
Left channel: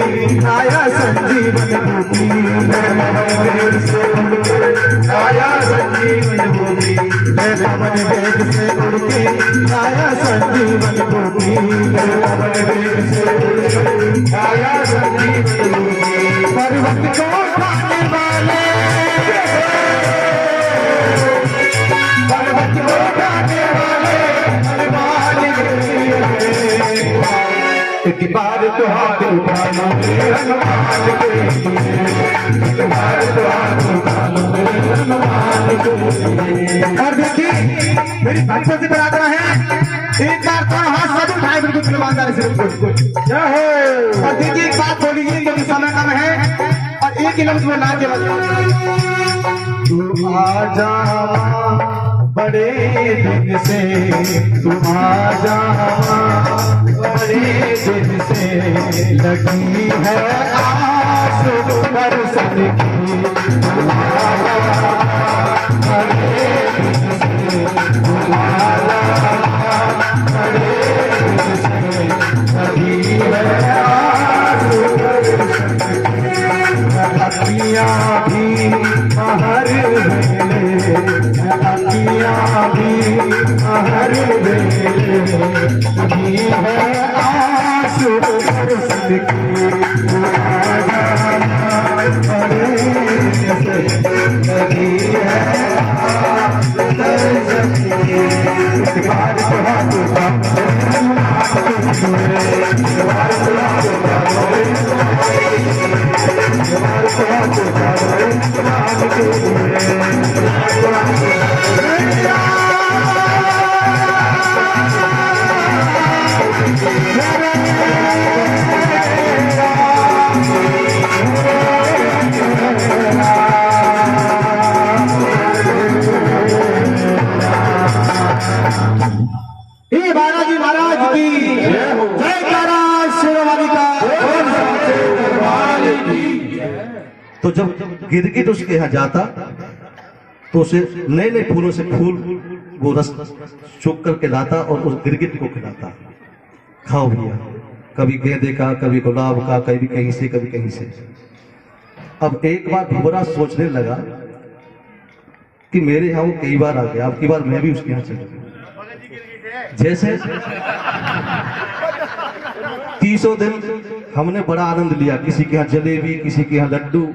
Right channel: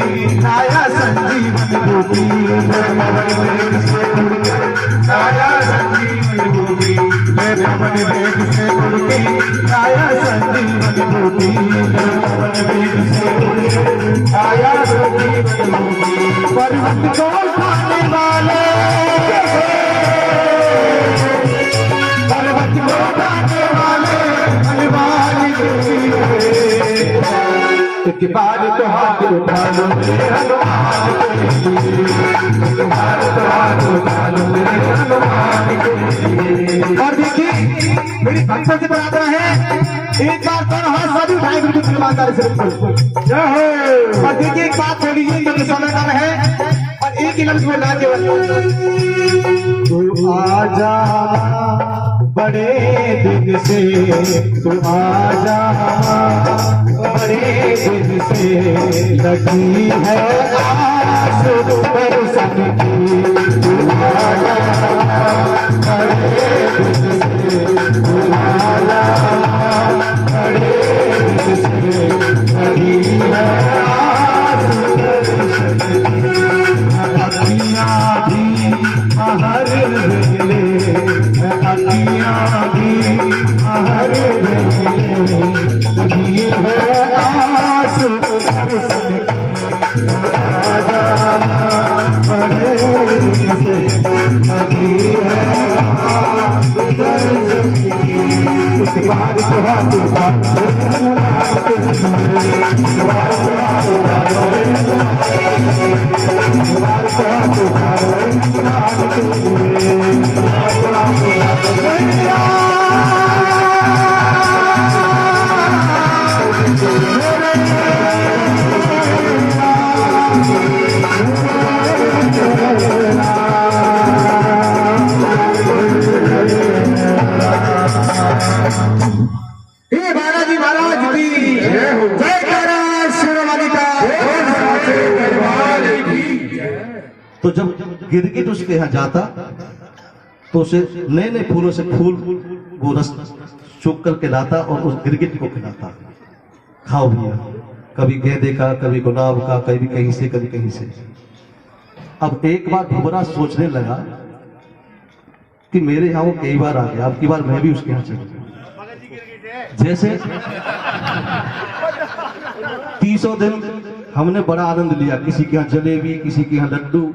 आया संजीवन बूटी, मैं पवन वेग से उड़ के आया संजीवन बूटी, मैं पवन वेग से उड़ के आया संजीवन बूटी, मैं पवन वेग से उड़ के आया संजीवन बूटी। पर्वत को उठाने वाले, पर्वत को उठाने वाले हनुमान के लिए, एक बार तो हाथ उठा लो मेरे हनुमान के लिए, एक बार तो हाथ उठा लो मेरे हनुमान के लिए। और देखिए मेरी भक्तों से प्रार्थना है, एक बार तो हाथ सभी उठाए बिल्कुल ईमानदारी से। जय हो। और देखिए एक बात छोड़िए क्योंकि समय कम है, और एक ही लफ्ज में ला केवल तू आजा बड़े दिन से, तू आजा बड़े दिन से, लगी है आस दर्शन की, तू आजा बड़े दिन से, तू आजा बड़े दिन से, लगी है आस दर्शन की। अखियाँ भी हर वेले, अखियाँ भी हर वेले, लगी है आस दर्शन की, आजा बड़े दिन से, लगी है आस दर्शन की। इस बार तो हाथ उठा लो इस बार तो हाथ उठा लो, इस बार तो हाथ उठा लो हनुमान के हे बालाजी महाराज की जय हो। जय तारा शेरवाली का। तो जब गिरगिट उसके यहाँ जाता तो उसे नए नए फूलों से फूल वो रस चुक करके लाता और उस गिरगिट को खिलाता, खाओ भैया। कभी गेंदे का, कभी गुलाब का, कभी कहीं से, कभी कहीं से। अब एक बार भुवरा सोचने लगा कि मेरे यहाँ वो कई बार आ गया, अब की बार मैं भी उसके यहाँ चलूंगा। जैसे 30 दिन हमने बड़ा आनंद लिया, किसी के यहाँ जलेबी, किसी के यहाँ लड्डू।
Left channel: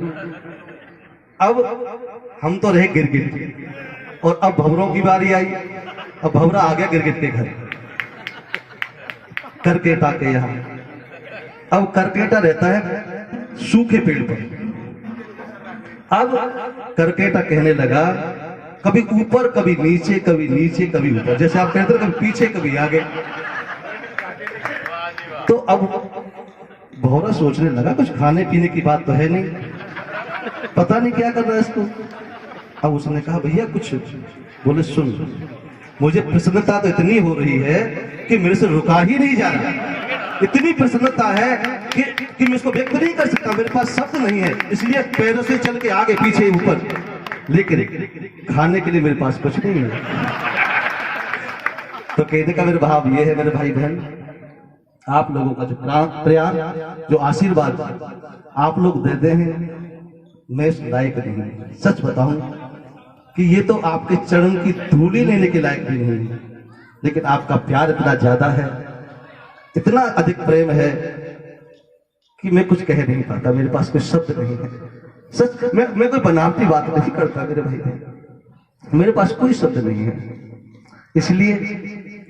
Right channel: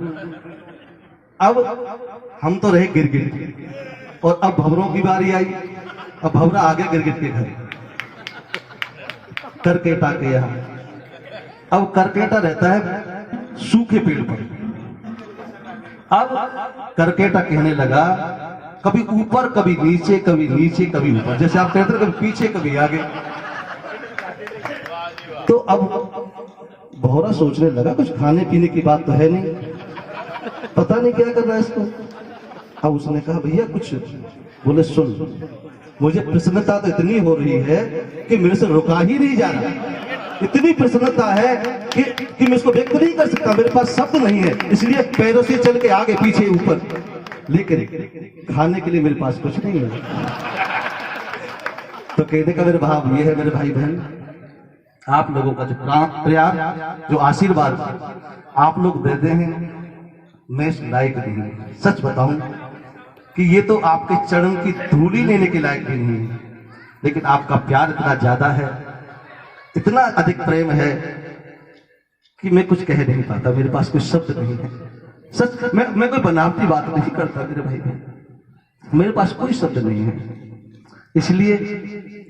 अब हम तो रहे गिरगिट, और अब भंवरों की बारी आई। अब भंवरा आ गया गिरगिट के घर, करकेटा के यहाँ। अब करकेटा रहता है सूखे पेड़ पर। अब करकेटा कहने लगा कभी ऊपर, कभी नीचे, कभी नीचे, कभी ऊपर। जैसे आप कहते थे कभी पीछे, कभी आगे। तो अब भौरा सोचने लगा कुछ खाने पीने की बात तो है नहीं, पता नहीं क्या कर रहा है इसको। अब उसने कहा भैया कुछ। बोले सुन, मुझे प्रसन्नता तो इतनी हो रही है कि मेरे से रुका ही नहीं जा रहा। इतनी प्रसन्नता है कि मैं इसको व्यक्त नहीं कर सकता, मेरे पास शब्द नहीं है। इसलिए पैरों से चल के आगे पीछे ऊपर, लेकिन खाने के लिए मेरे पास कुछ नहीं है। तो कहने का मेरे भाव ये है, मेरे भाई बहन, आप लोगों का जो प्यार, जो आशीर्वाद आप लोग देते हैं, मैं इस लायक नहीं। सच बताऊं कि ये तो आपके चरण की धूली लेने के लायक भी नहीं है, लेकिन आपका प्यार इतना ज्यादा है, इतना अधिक प्रेम है कि मैं कुछ कह नहीं पाता, मेरे पास कोई शब्द नहीं है। सच, मैं कोई बनावटी बात नहीं करता मेरे भाई बहन, मेरे पास कोई शब्द नहीं है। इसलिए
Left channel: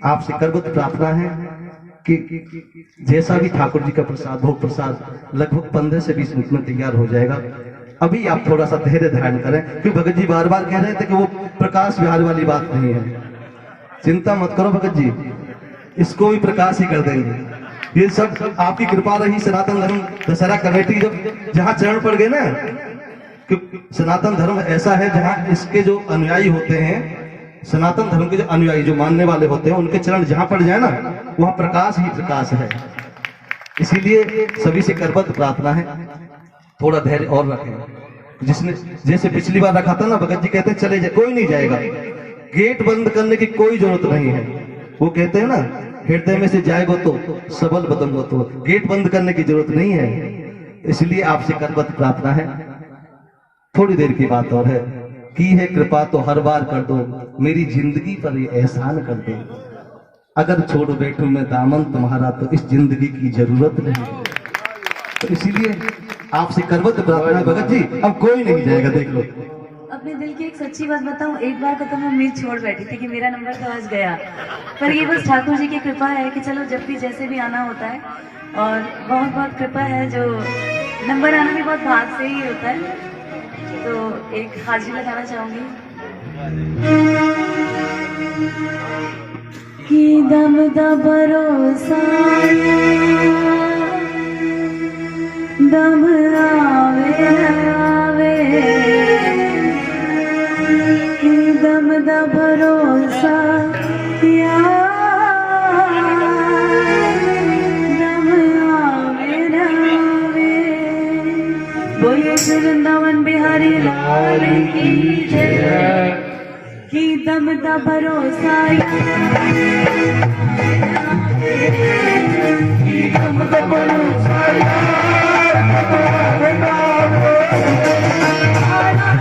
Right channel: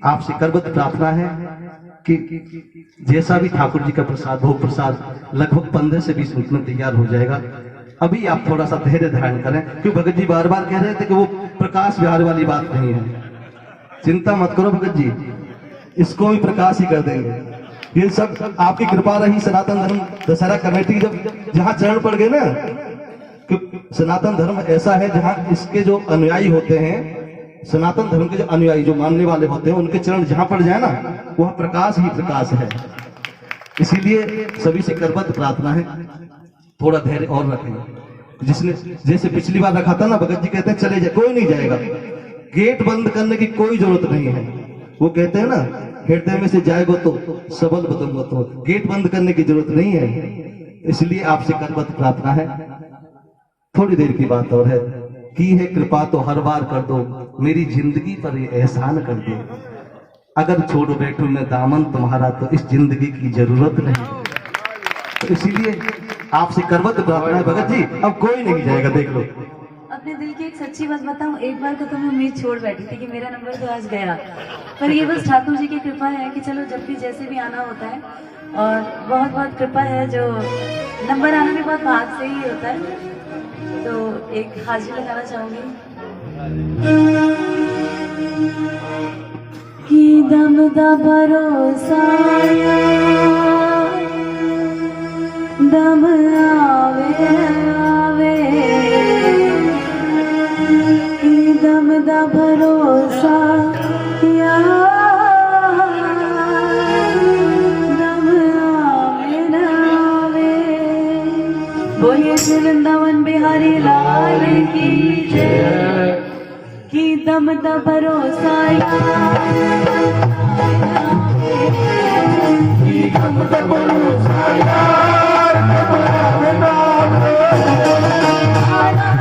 आपसे करबद्ध प्रार्थना है कि जैसा भी ठाकुर जी का प्रसाद, भोग प्रसाद लगभग 15 से 20 मिनट में तैयार हो जाएगा। अभी आप थोड़ा सा धैर्य धारण करें, क्योंकि भगत जी बार बार कह रहे थे कि वो प्रकाश विहार वाली बात नहीं है। चिंता मत करो भगत जी, इसको भी प्रकाश ही कर देंगे। ये सब आपकी कृपा रही। सनातन धर्म दशहरा कमेटी जब जहां चरण पड़ गए ना, कि सनातन धर्म ऐसा है जहां इसके जो अनुयायी होते हैं, सनातन धर्म के जो अनुयायी, जो मानने वाले होते हैं, उनके चरण जहां पड़ जाए ना, वहां प्रकाश ही प्रकाश है। इसीलिए सभी से करबद्ध प्रार्थना है, थोड़ा धैर्य और रखें। जिसने जैसे पिछली बार रखा था ना, भगत जी कहते हैं चले जाए, कोई नहीं जाएगा। गेट बंद करने की कोई जरूरत नहीं है। वो कहते हैं ना, हृदय में से जाएगो तो सबल बदंगो तो, गेट बंद करने की जरूरत नहीं है। इसलिए आपसे करबद्ध प्रार्थना है, थोड़ी देर की बात और है। की है कृपा तो हर बार कर दो, मेरी जिंदगी पर ये एहसान कर दो। अगर छोड़ बैठूं मैं दामन तुम्हारा, तो इस जिंदगी की जरूरत नहीं। तो इसीलिए आपसे करबद्ध प्रार्थना है भगत जी, अब कोई नहीं जाएगा, देख लो। अपने दिल की एक सच्ची बात बताऊं, एक बार को तो मैं उम्मीद छोड़ बैठी थी कि मेरा नंबर तो आज गया, पर ये बस ठाकुर जी की कृपा है कि चलो जब भी जैसे भी आना होता है, और बहुत बहुत कृपा है जो नंबर आना भी बहुत भाग से ही होता है। तो एक हाजिरी लगाना चाहूंगी कि दम दा भरोसा दम आवे आवे, कि दम दा भरोसा दम आवे आवे। बोले वृंदावन बिहारी लाल की जय, कि दम दा भरोसा दम दा भरोसा यार कब आवे ना आवे। हरे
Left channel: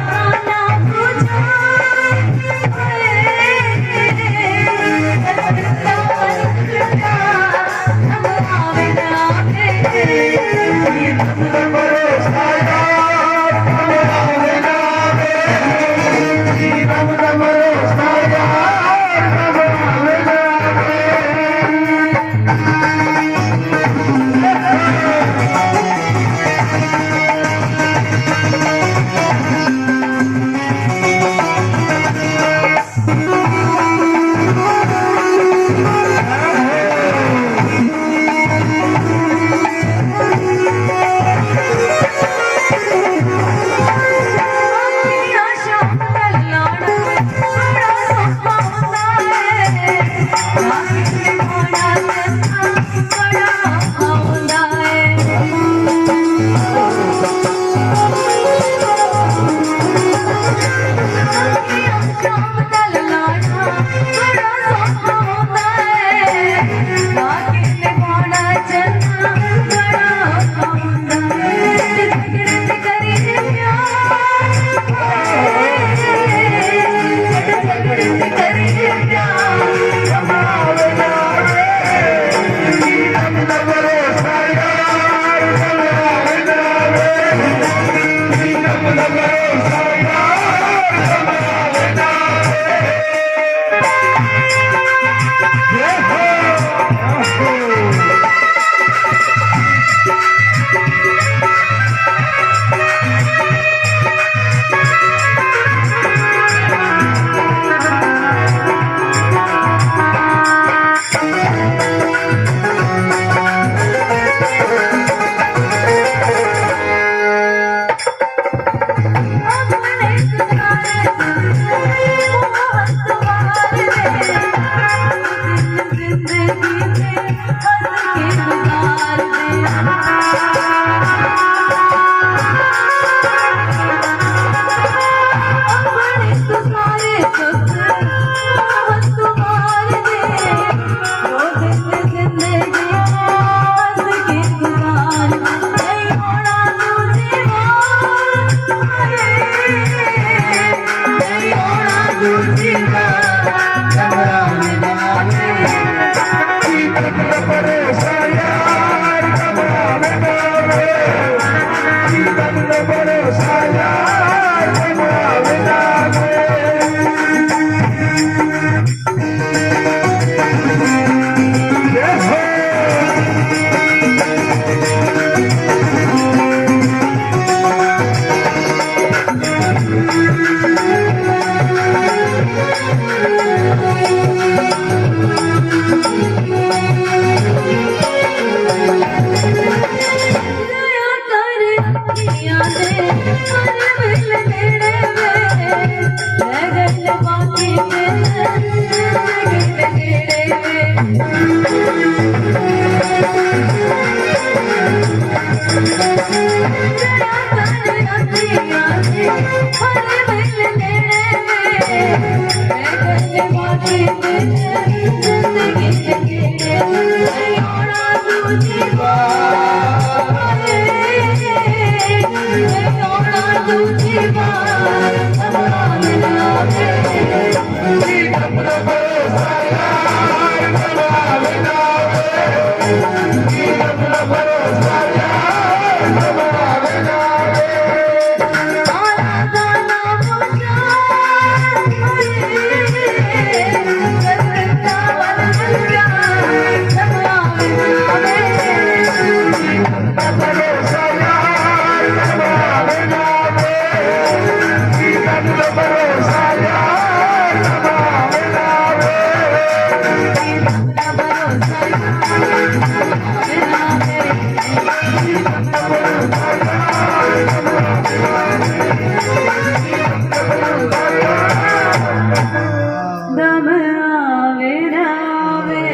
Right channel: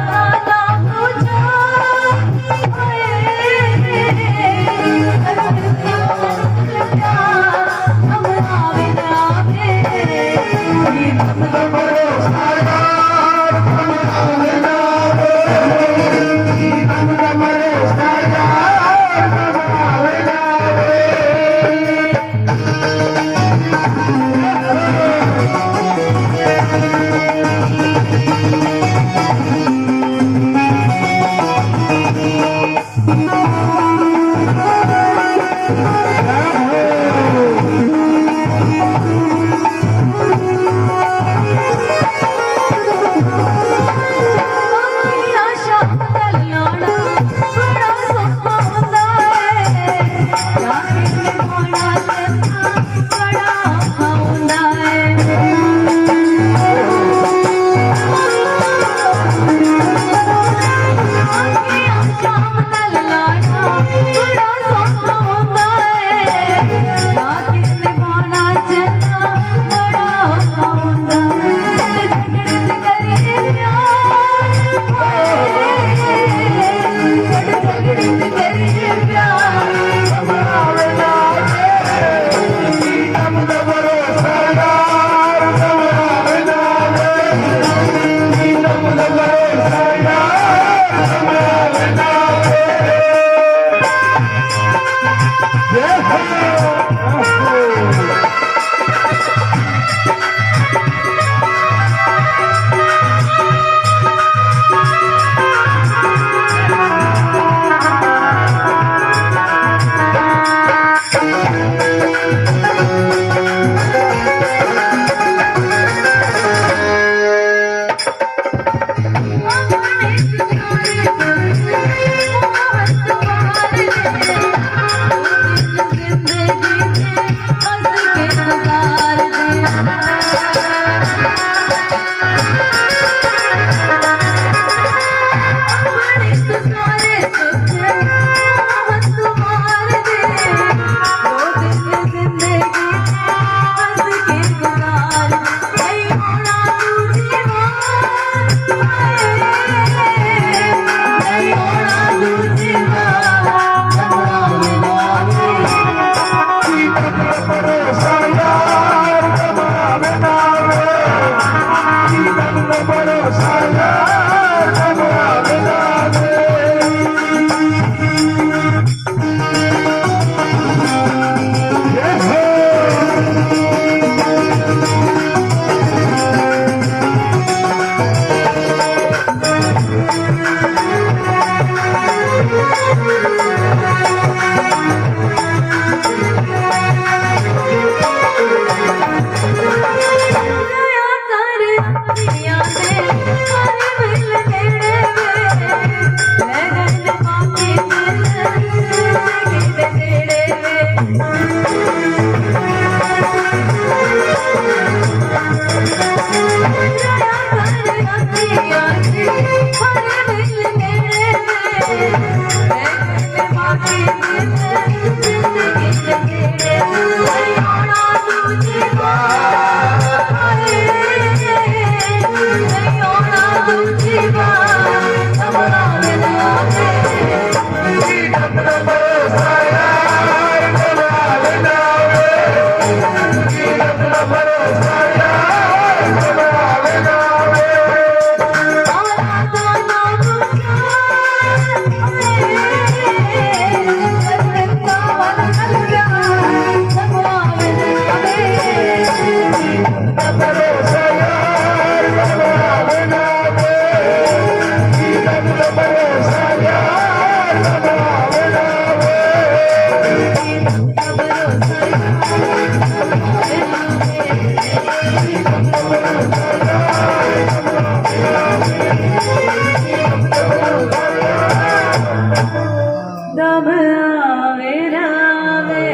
दम आवे नावे।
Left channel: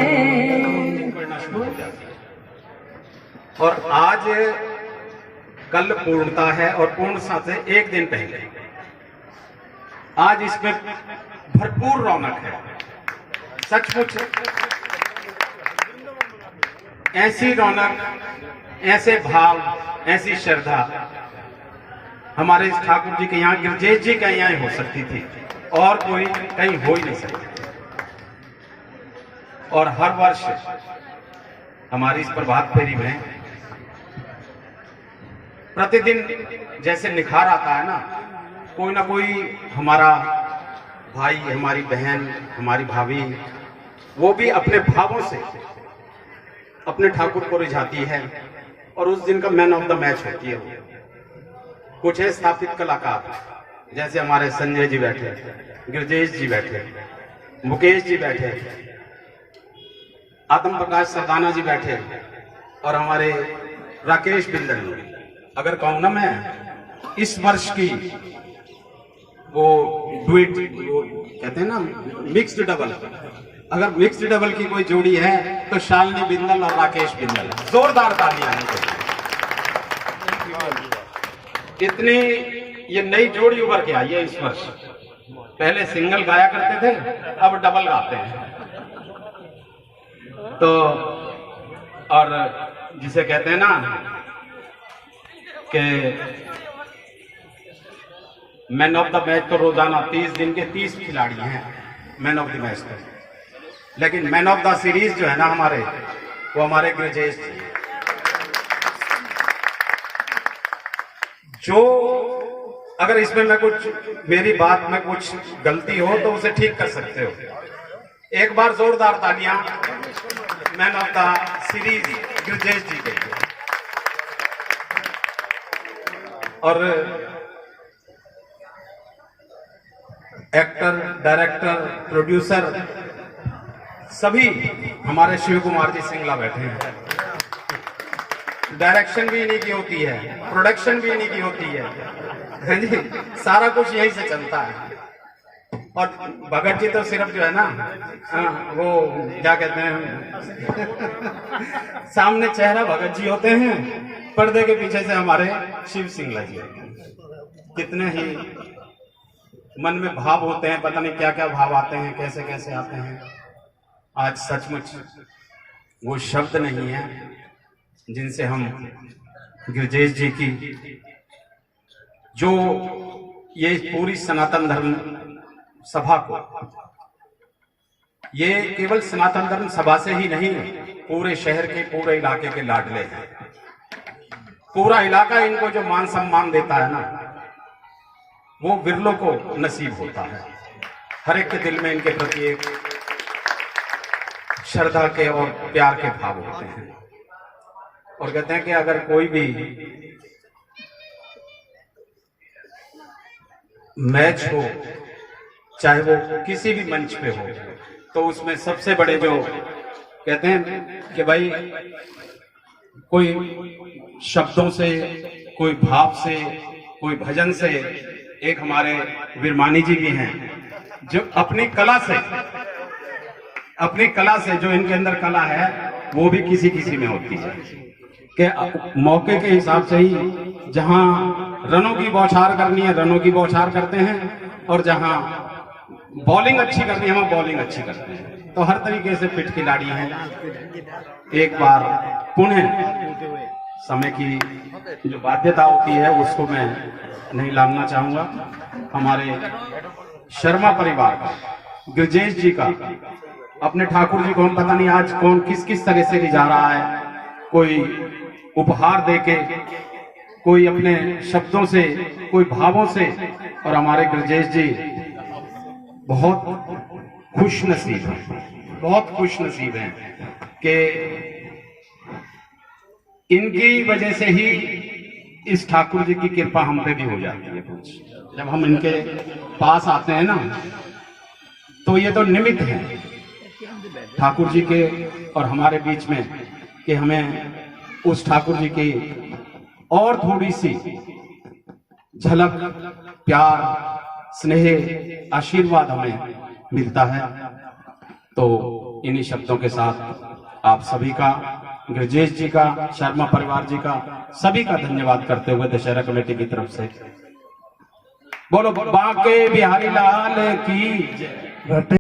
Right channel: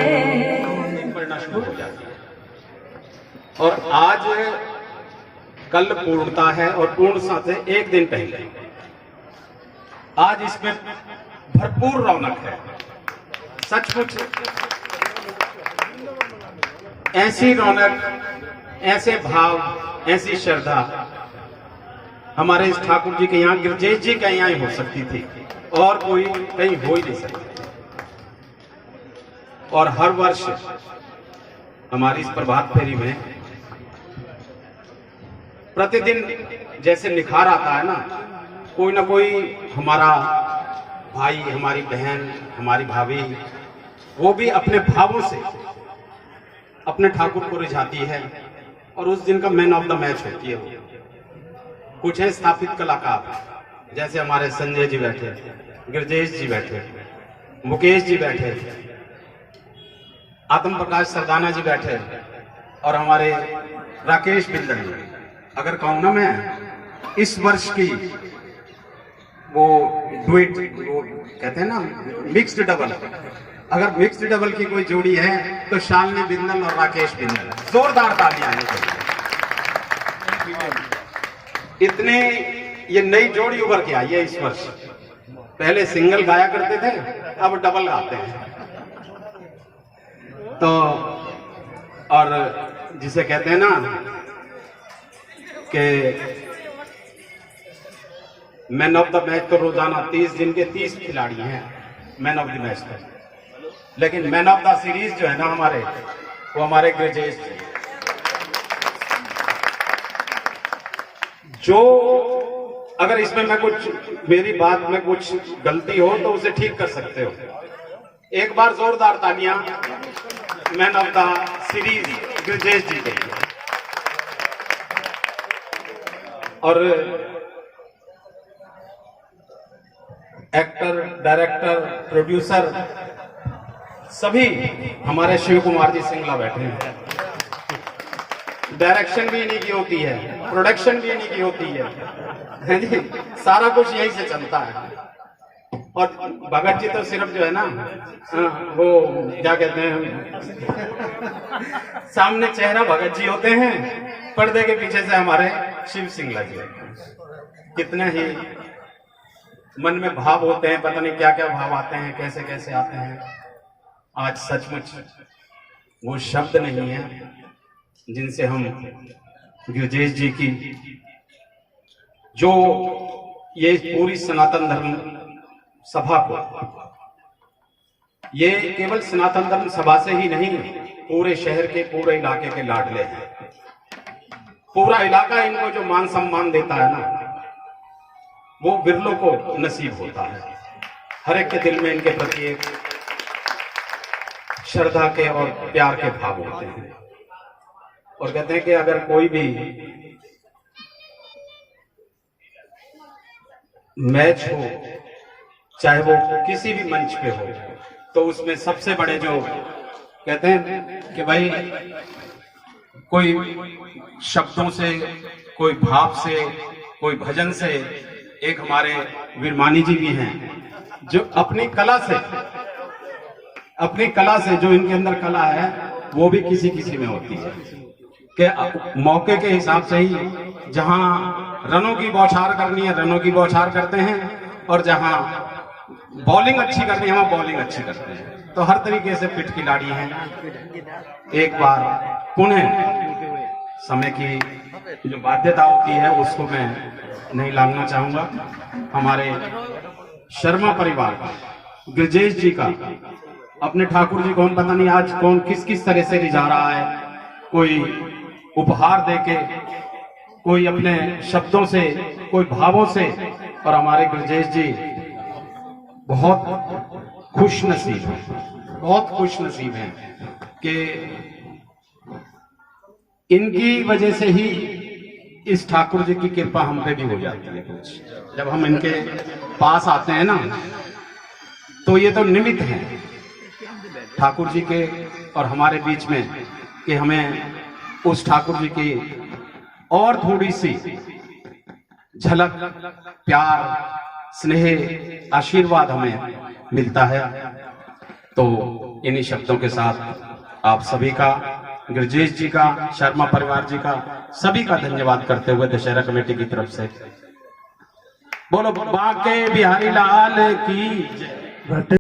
पढ़ना शुरू हो जाता है। और आज कल पूर्णता है और पूर्णता से एक दिन पहले आज इसमें भरपूर रौनक है। सचमुच ऐसी रौनक, ऐसे भाव, ऐसी श्रद्धा हमारे इस ठाकुर जी के यहाँ, गिरजेश जी के यहाँ ही हो सकती थी और कोई कहीं हो ही नहीं सकती। और हर वर्ष हमारी इस प्रभात फेरी में प्रतिदिन जैसे निखार आता है ना, कोई ना कोई हमारा भाई, हमारी बहन, हमारी भाभी, वो भी अपने भावों से अपने ठाकुर को रिझाती है और उस दिन का मैन ऑफ द मैच होती है। कुछ है स्थापित कलाकार, जैसे हमारे संजय जी बैठे, गिरजेश जी बैठे, मुकेश जी बैठे, आत्म प्रकाश सरदाना जी बैठे और हमारे राकेश बिंदल जी। अगर कहूं ना मैं इस वर्ष की वो डुएट, वो कहते हैं ना मिक्स्ड डबल, अगर मिक्स्ड डबल की कोई जोड़ी है तो शालिनी बिंदल और राकेश बिंदल। जोरदार तालियां हैं। इतनी ये नई जोड़ी उभर के आई है इस वर्ष। पहले सिंगल गाया करते थे, अब डबल गाते हैं। तो और जिसे कहते हैं ना कि मैन ऑफ द मैच तो रोजाना 30 दिन के 30 खिलाड़ी हैं मैन ऑफ द मैच पर, लेकिन मैन ऑफ द सीरीज जो है ना हमारे, वो हमारे गिरजेश जी। जो अगर इसमें मैं कुछ, मेरी बात में कुछ गलती हो तो उसे ठीक कर सकते हो। एक बार जोरदार तालियां man of the series Girjesh ji के लिए। और एक्टर, डायरेक्टर, प्रोड्यूसर सभी हमारे शिव कुमार जी सिंगला बैठे हैं। डायरेक्शन भी इन्हीं की होती है, प्रोडक्शन भी इन्हीं की होती है जी, सारा कुछ यहीं से चलता है। और भगत जी तो सिर्फ जो है ना, वो क्या कहते हैं, सामने चेहरा भगत जी होते हैं, पर्दे के पीछे से हमारे शिव सिंगला जी होते हैं। कितने ही मन में भाव होते हैं, पता नहीं क्या क्या भाव आते हैं, कैसे कैसे आते हैं। आज सचमुच वो शब्द नहीं है जिनसे हम गिरजेश जी की, जो ये पूरी सनातन धर्म सभा को, ये केवल सनातन धर्म सभा से ही नहीं, पूरे शहर के, पूरे इलाके के लाडले हैं। पूरा इलाका इनको जो मान सम्मान देता है ना, वो बिरलों को नसीब होता है। हर एक के दिल में इनके प्रति एक श्रद्धा के और प्यार के भाव होते हैं। और कहते हैं कि अगर कोई भी मैच हो, चाहे वो किसी भी मंच पे हो, तो उसमें सबसे बड़े जो कहते हैं कि भाई कोई शब्दों से, कोई भाव से, कोई भजन से, एक हमारे वीरमानी जी भी हैं जो अपनी कला से जो इनके अंदर कला है वो भी किसी किसी में होती है कि मौके के हिसाब से ही जहां रनों की बौछार करनी है रनों की बौछार करते हैं, और जहां बॉलिंग अच्छी करनी है वहां बॉलिंग अच्छी करते हैं। तो हर तरीके से फिट खिलाड़ी हैं। एक बार पुणे समय की जो बाध्यता होती है उसको मैं नहीं लांघना चाहूंगा। हमारे शर्मा परिवार गिरजेश जी का, अपने ठाकुर जी को हम पता नहीं आज कौन किस किस तरह से रिझा रहा है, कोई उपहार देके, कोई अपने शब्दों से, कोई भावों से। और हमारे गिरजेश जी बहुत खुश नसीब हैं, बहुत खुश नसीब हैं कि इनकी वजह से ही इस ठाकुर जी की कृपा हम पे भी हो जाती है। कुछ जब हम इनके पास आते हैं ना, तो ये तो निमित्त हैं ठाकुर जी के और हमारे बीच में कि हमें उस ठाकुर जी की और थोड़ी सी झलक, प्यार, स्नेह, आशीर्वाद हमें मिलता है। तो इन्हीं शब्दों के साथ आप सभी का, गिरजेश जी का, शर्मा परिवार जी का, सभी का धन्यवाद करते हुए दशहरा कमेटी की तरफ से बोलो बांके बिहारी लाल की जय।